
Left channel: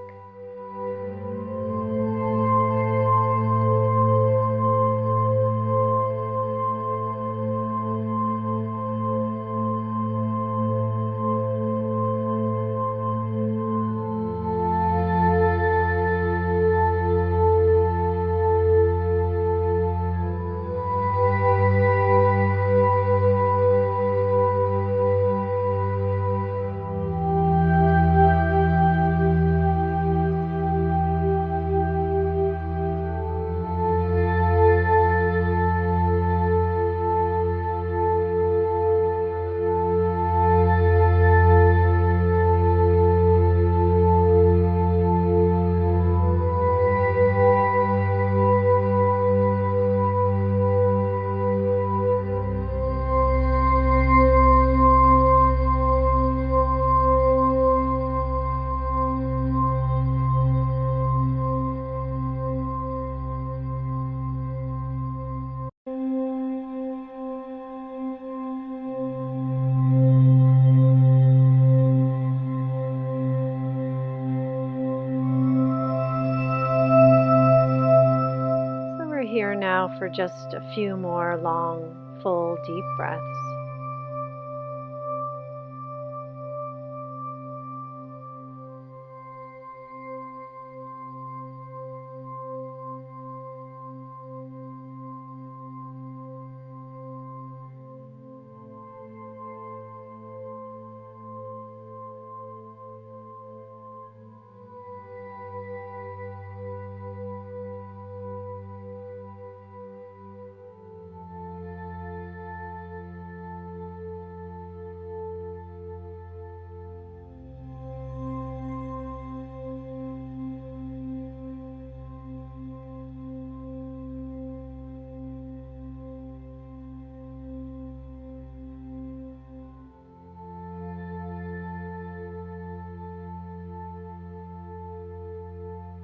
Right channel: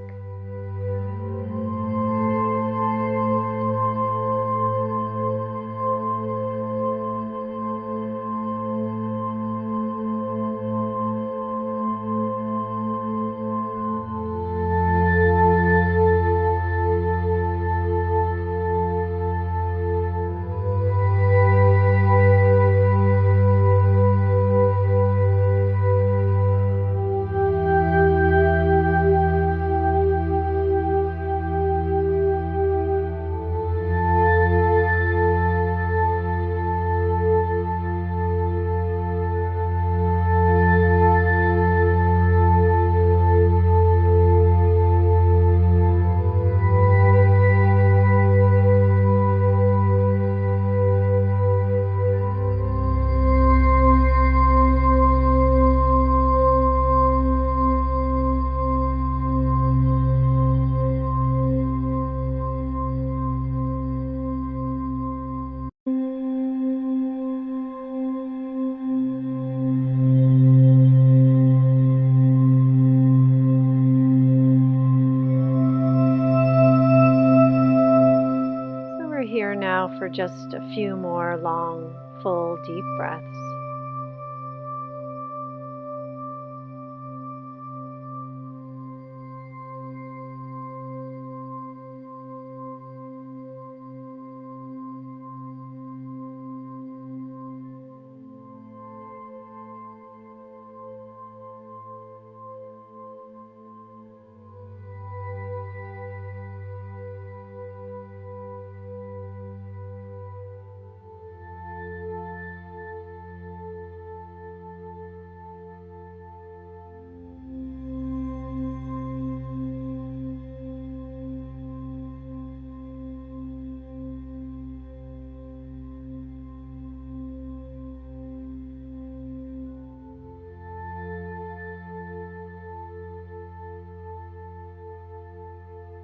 now for just a few more long, full, deep breaths.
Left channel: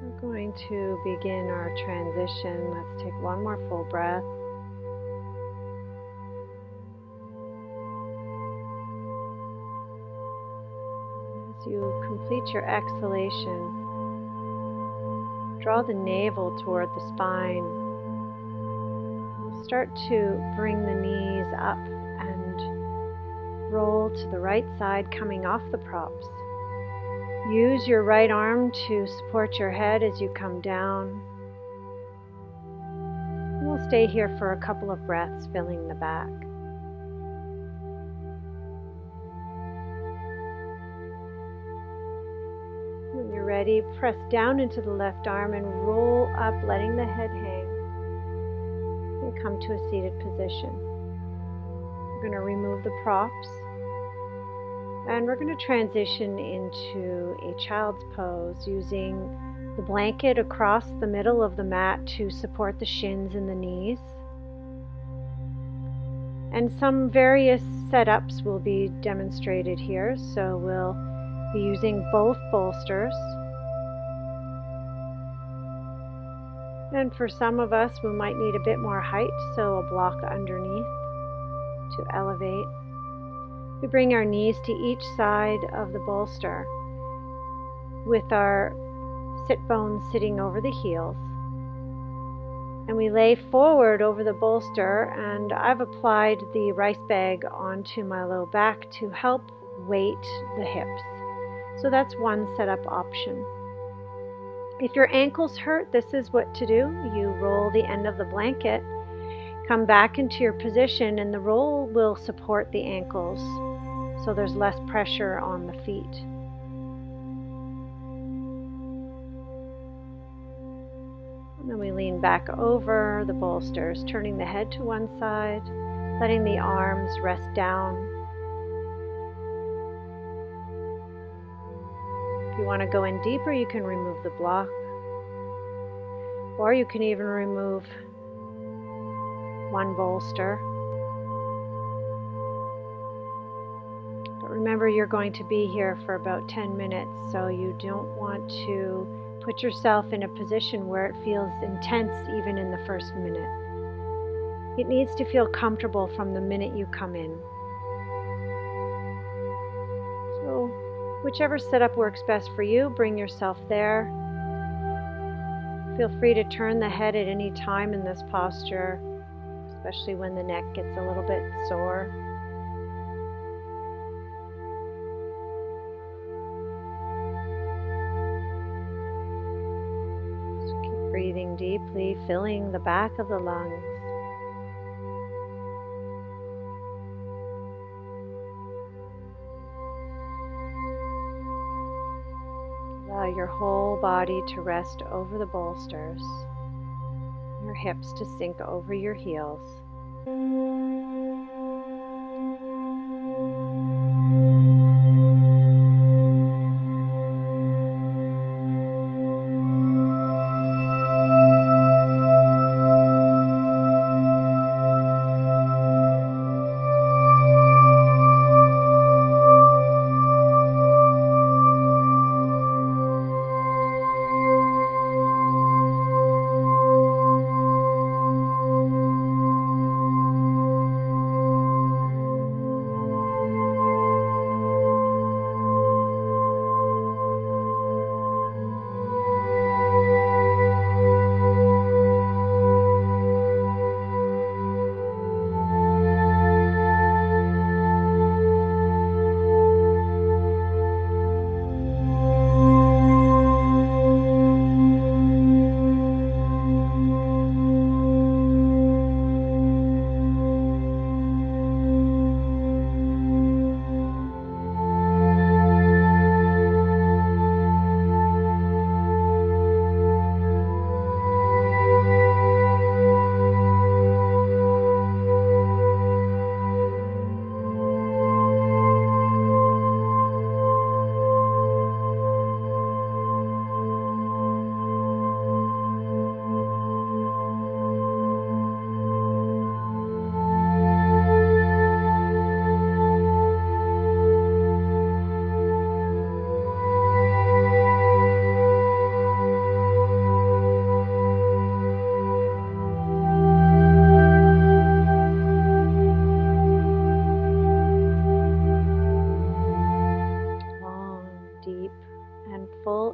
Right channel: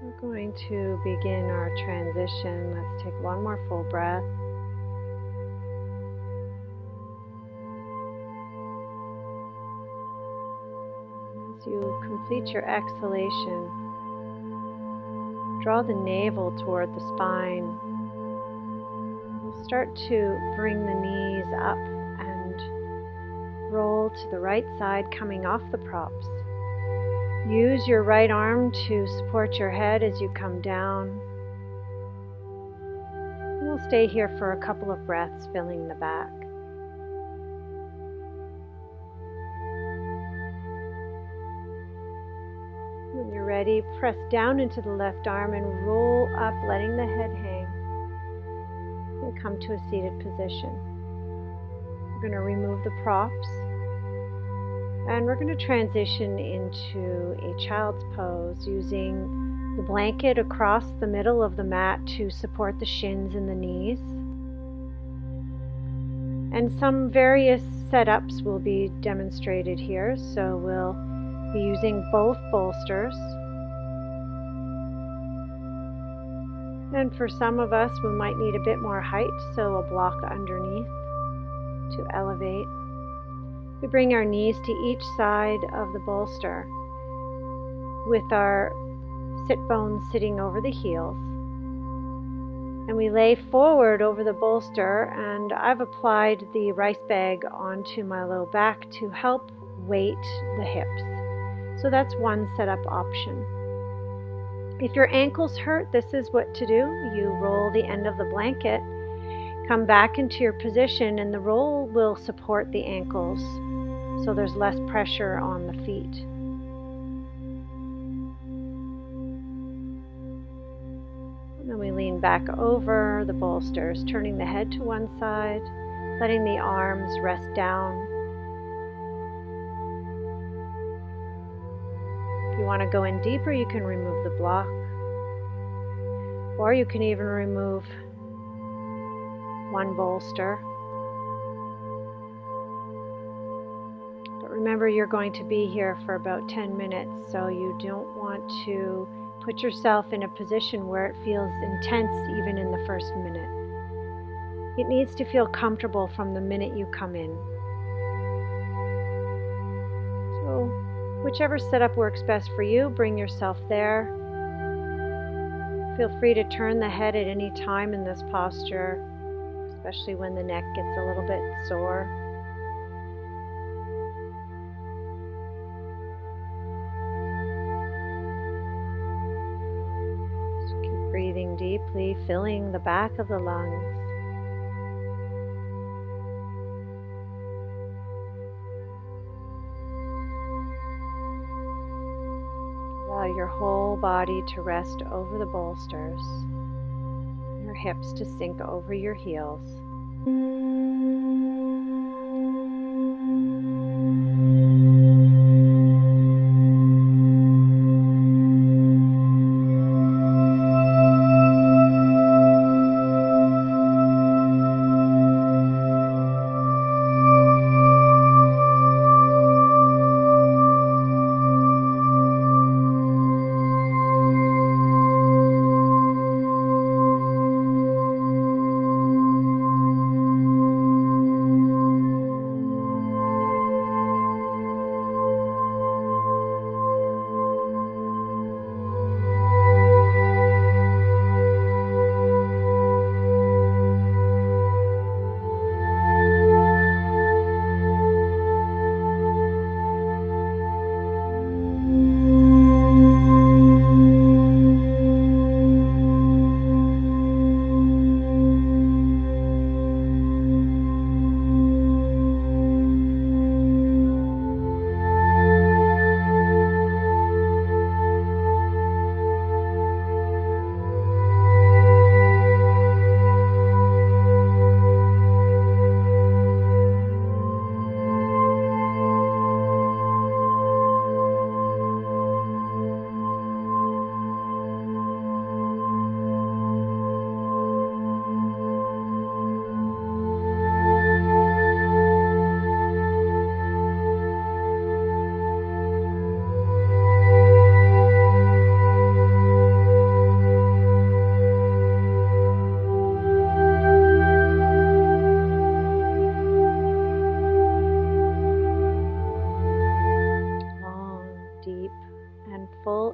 We're going to begin our transition. Let's take one more full breath. As you complete your exhalation, draw the navel toward the spine. We'll start to bring the knees up and roll to the right side, coming off the props. Use your right arm to support your head as you come down. We'll stay here for a couple of breaths, filling the back. When you're ready, press down into the left arm and roll up, letting the head hang, and come to a seated position. We're going to remove the props. And we're going to transition into a child's pose using the blanket across the middle of the mat to support the shins and the knees. And some various setups will be demonstrated here. So we'll be using both bolsters. And for some of us, we might need a bit more height, so a block underneath to elevate. We bring our knees to each side of the bolster with our sit bones sitting over the heels. And we lay forward over the bolster, and I've applied the rice bag onto my low back to help weight the hips. So that's one setup option. If your ankles hurt, this is what to do. You roll the end of the blanket, come back into your position, and the roll will support the ankles, so there's less pressure on the feet. And then we lean back over the bolsters, turning the head to one side, letting the arms rest down. If you want to go in deeper, you can remove the block, or you can even remove one bolster. Remember, you're going to be here for about 10 minutes, so you don't want to put yourself in a position where it feels intense even in the first minute. It needs to feel comfortable from the minute you come in. So, whichever setup works best for you, bring yourself there. Feel free to turn the head at any time in this posture, especially when the neck gets a little bit sore. Breathing deeply, filling the back of the lungs. Allow your whole body to rest over the bolsters, your hips to sink over your heels.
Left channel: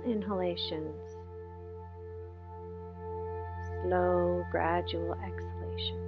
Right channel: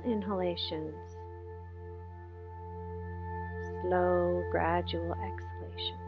inhalations, slow, gradual exhalations.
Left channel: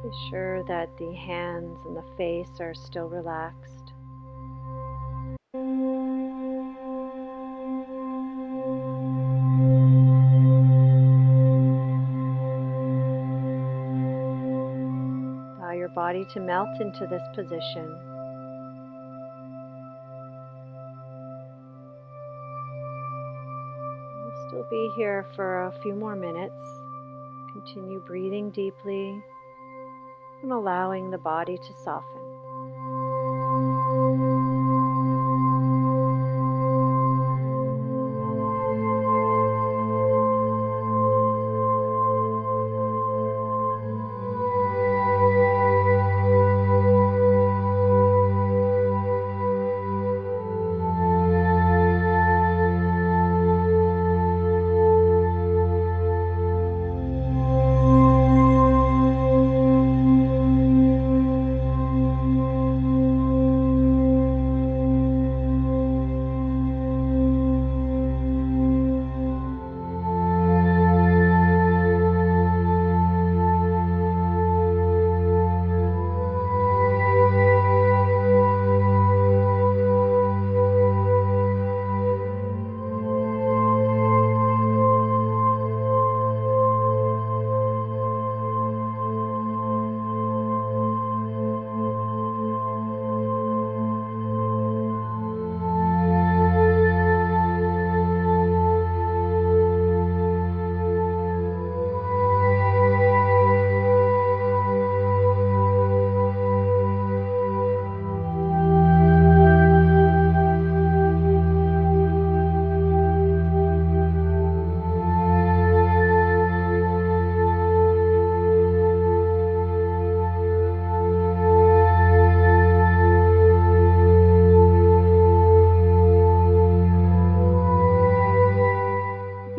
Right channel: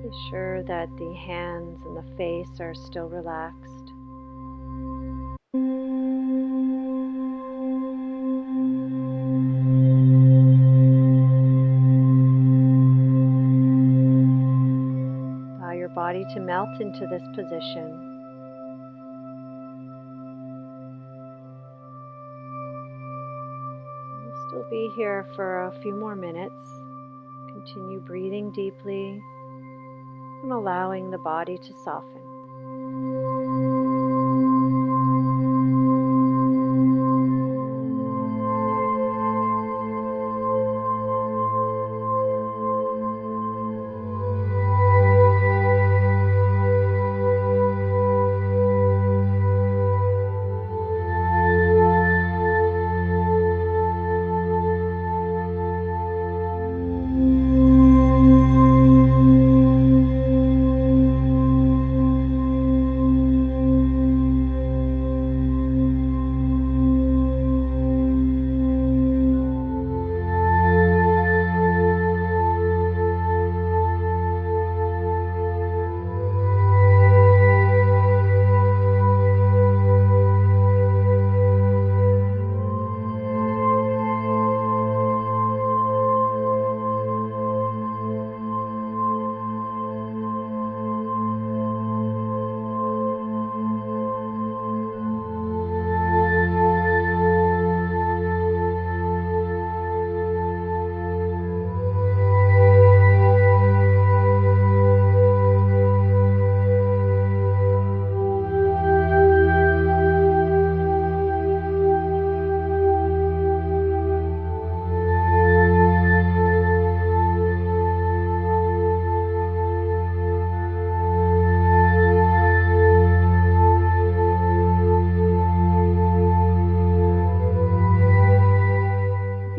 Be sure that the hands and the face are still relaxed. Allow your body to melt into this position. We'll still be here for a few more minutes. Continue breathing deeply and allowing the body to soften.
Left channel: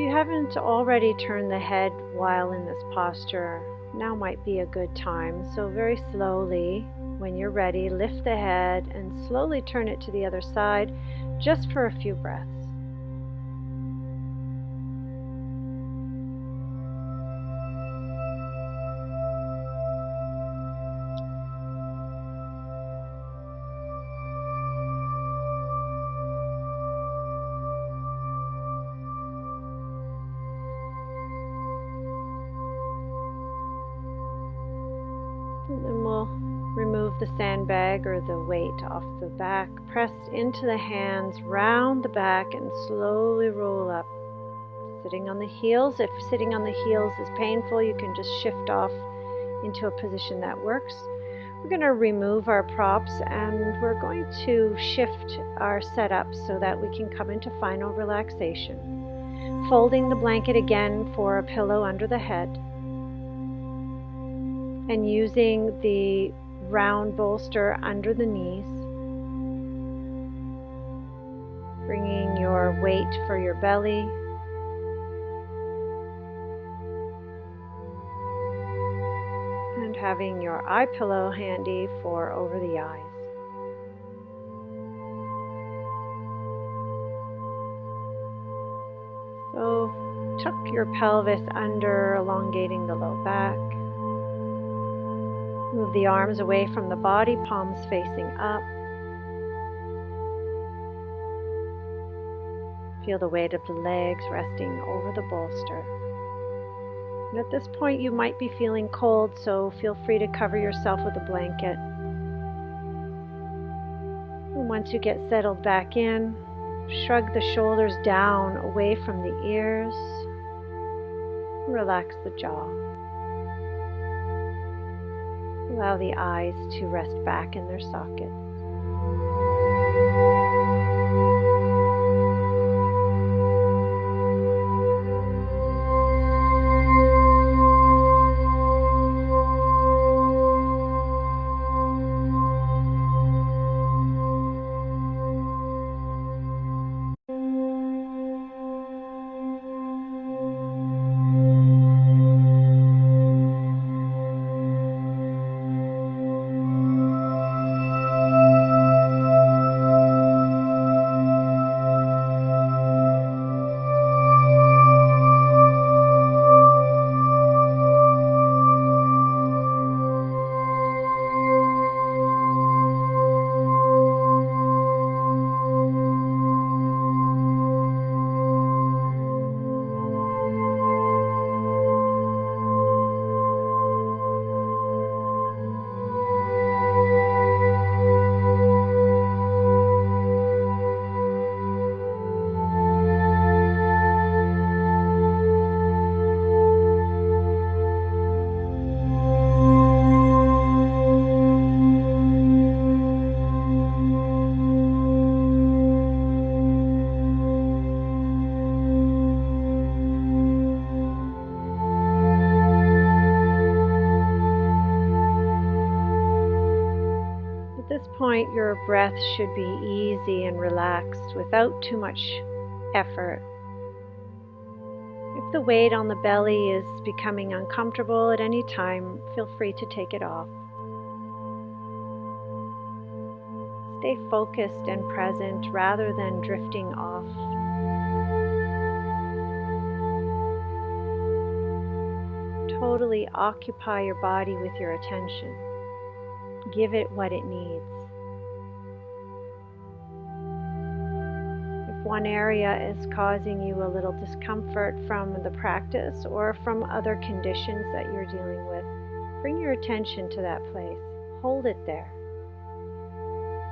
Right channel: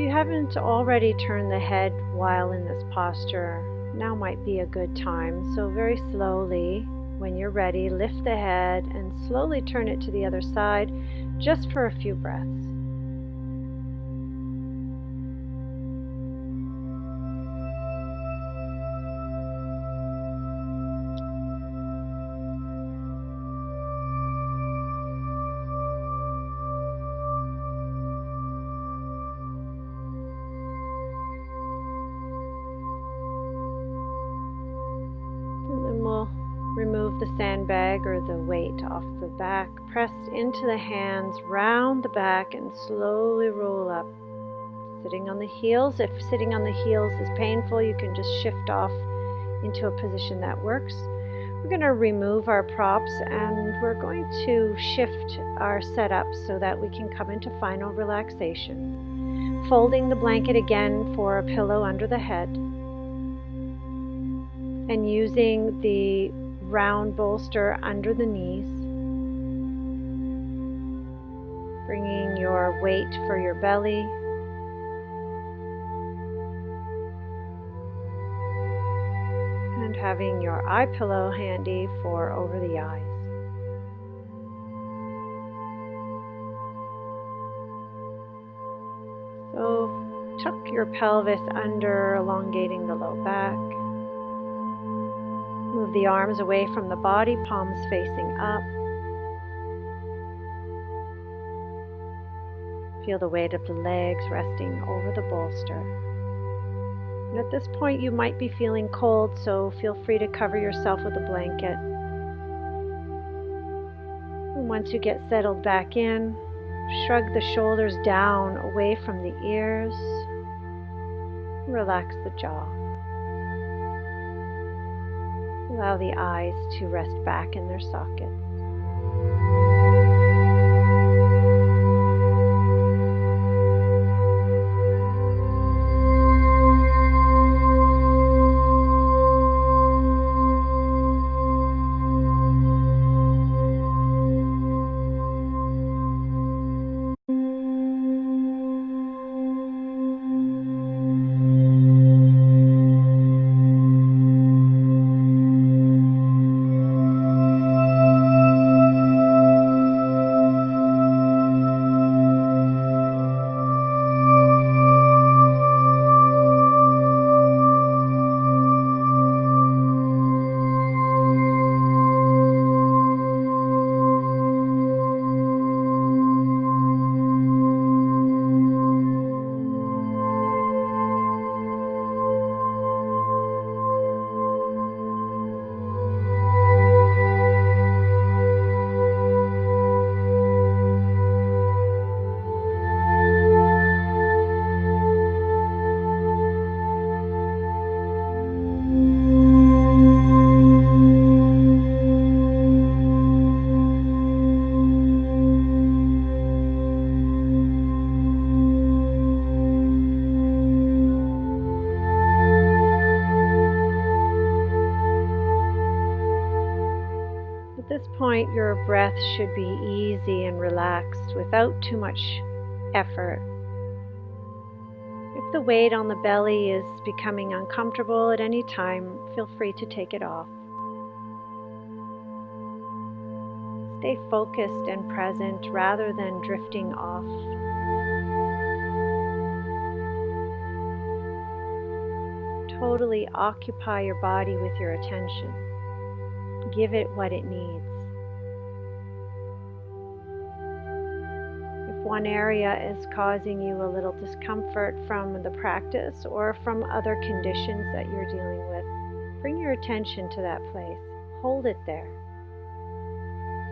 Haven't already turned the head while in this posture, now might be a good time. So very slowly, when you're ready, lift the head and slowly turn it to the other side just for a few breaths. And then we'll remove the sandbag or the weight off the back, press into the hands, round the back, and slowly roll up. Sitting on the heels. If sitting on the heels is painful, you can just shift off into a position that works. We're going to remove our props and we're going to shift our setup so that we can come into final relaxation. Folding the blanket again for a pillow under the head and using the round bolster under the knees. Bringing your weight for your belly. And having your eye pillow handy for over the eyes. So tuck your pelvis under, elongating the low back. Move the arms away from the body, palms facing up. Feel the weight of the legs resting over the bolster. And at this point you might be feeling cold, so feel free to cover yourself with a blanket. And once you get settled back in, shrug the shoulders down away from the ears. Relax the jaw. Allow the eyes to rest back in their sockets. At this point, your breath should be easy and relaxed without too much effort. If the weight on the belly is becoming uncomfortable at any time, feel free to take it off. Stay focused and present rather than drifting off. Totally occupy your body with your attention. Give it what it needs. If one area is causing you a little discomfort from the practice or from other conditions that you're dealing with, bring your attention to that place. Hold it there.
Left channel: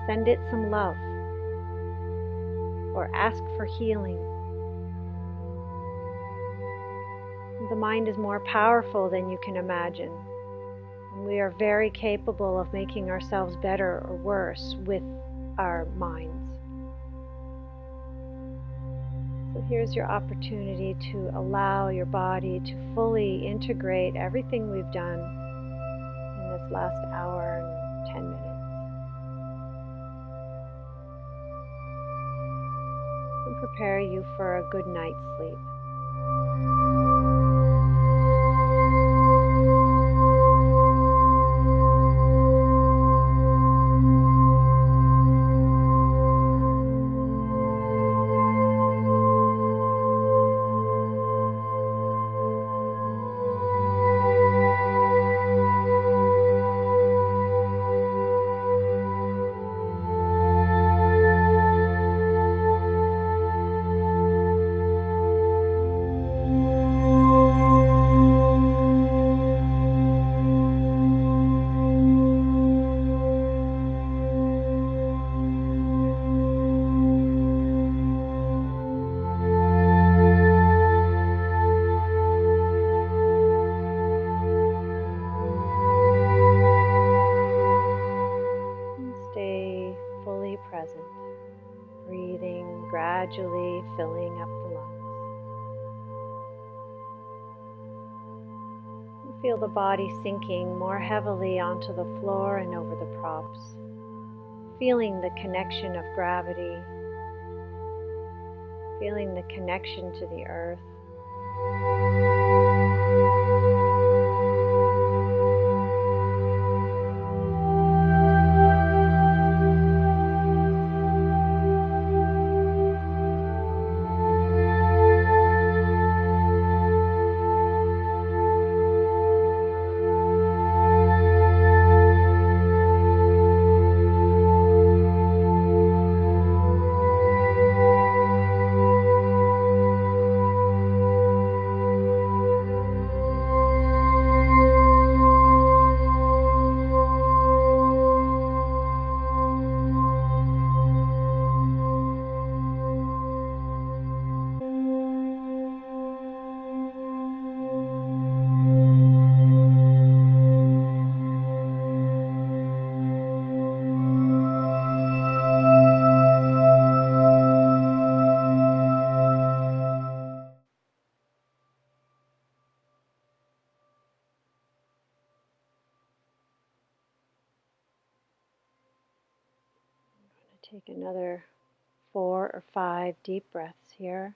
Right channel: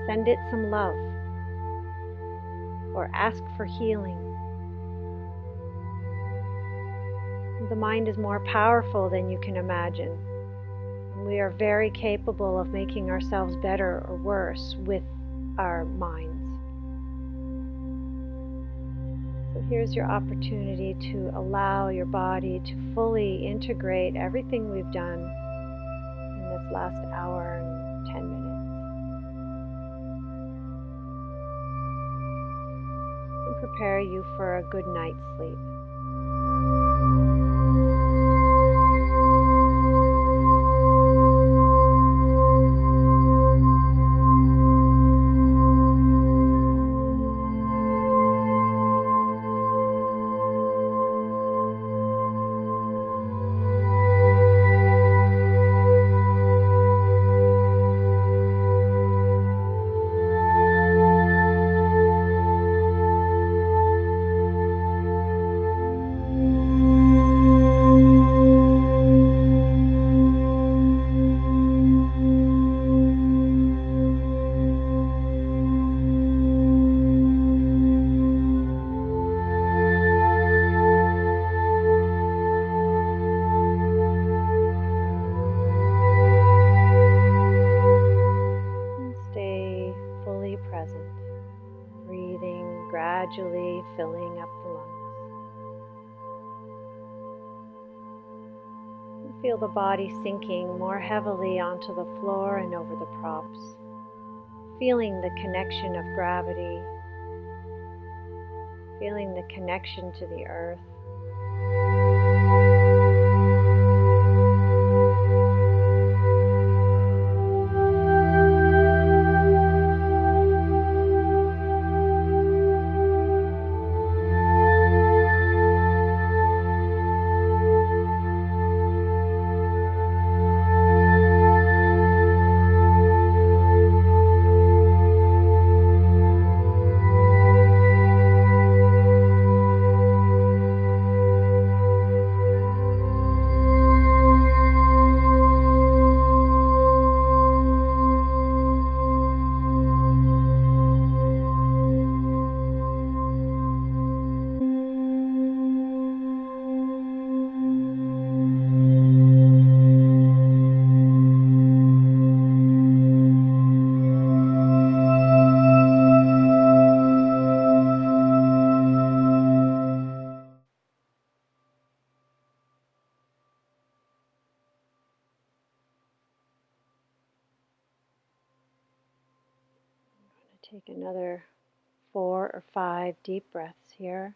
Send it some love or ask for healing. The mind is more powerful than you can imagine. We are very capable of making ourselves better or worse with our minds. So here's your opportunity to allow your body to fully integrate everything we've done in this last hour and 10 minutes. And prepare you for a good night's sleep. fully present, breathing gradually filling up the lungs. Feel the body sinking more heavily onto the floor and over the props, feeling the connection of gravity, feeling the connection to the earth. Take another 4 or 5 deep breaths here.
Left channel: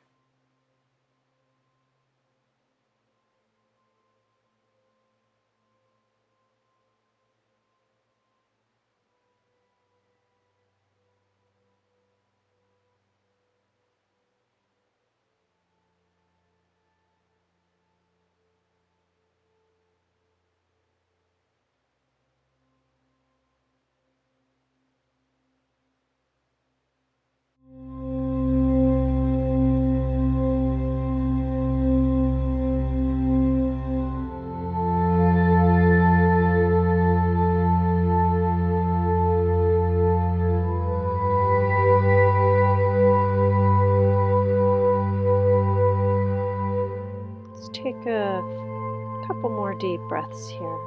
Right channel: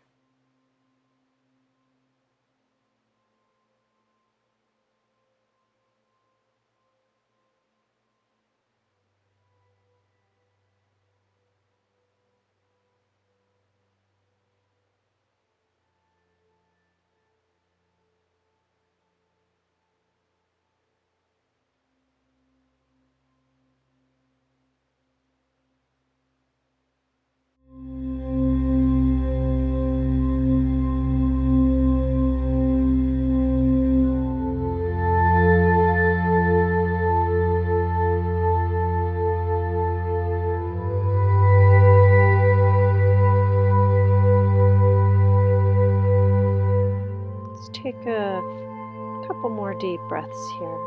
Let's take a couple more deep breaths here.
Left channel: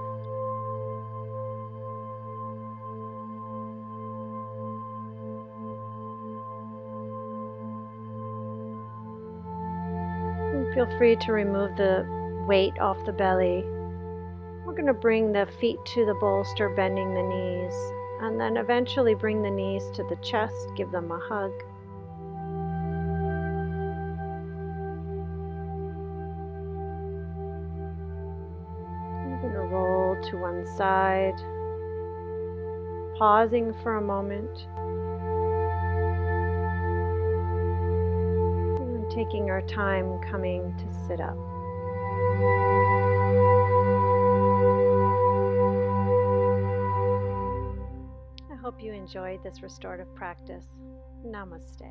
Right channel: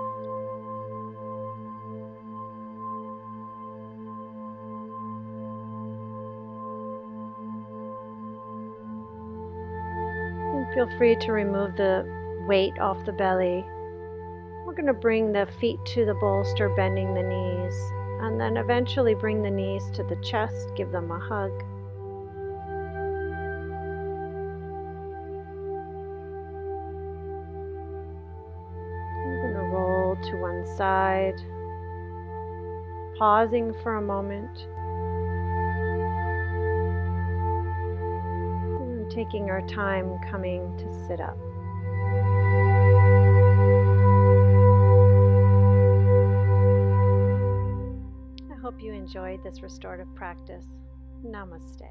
And feel free to remove the weight off the belly. We're going to bring the feet to the bolster, bending the knees, and then eventually bring the knees to the chest, give them a hug. We're going to roll to one side, pausing for a moment, and taking our time coming to sit up. I hope you enjoyed this restorative practice. Namaste.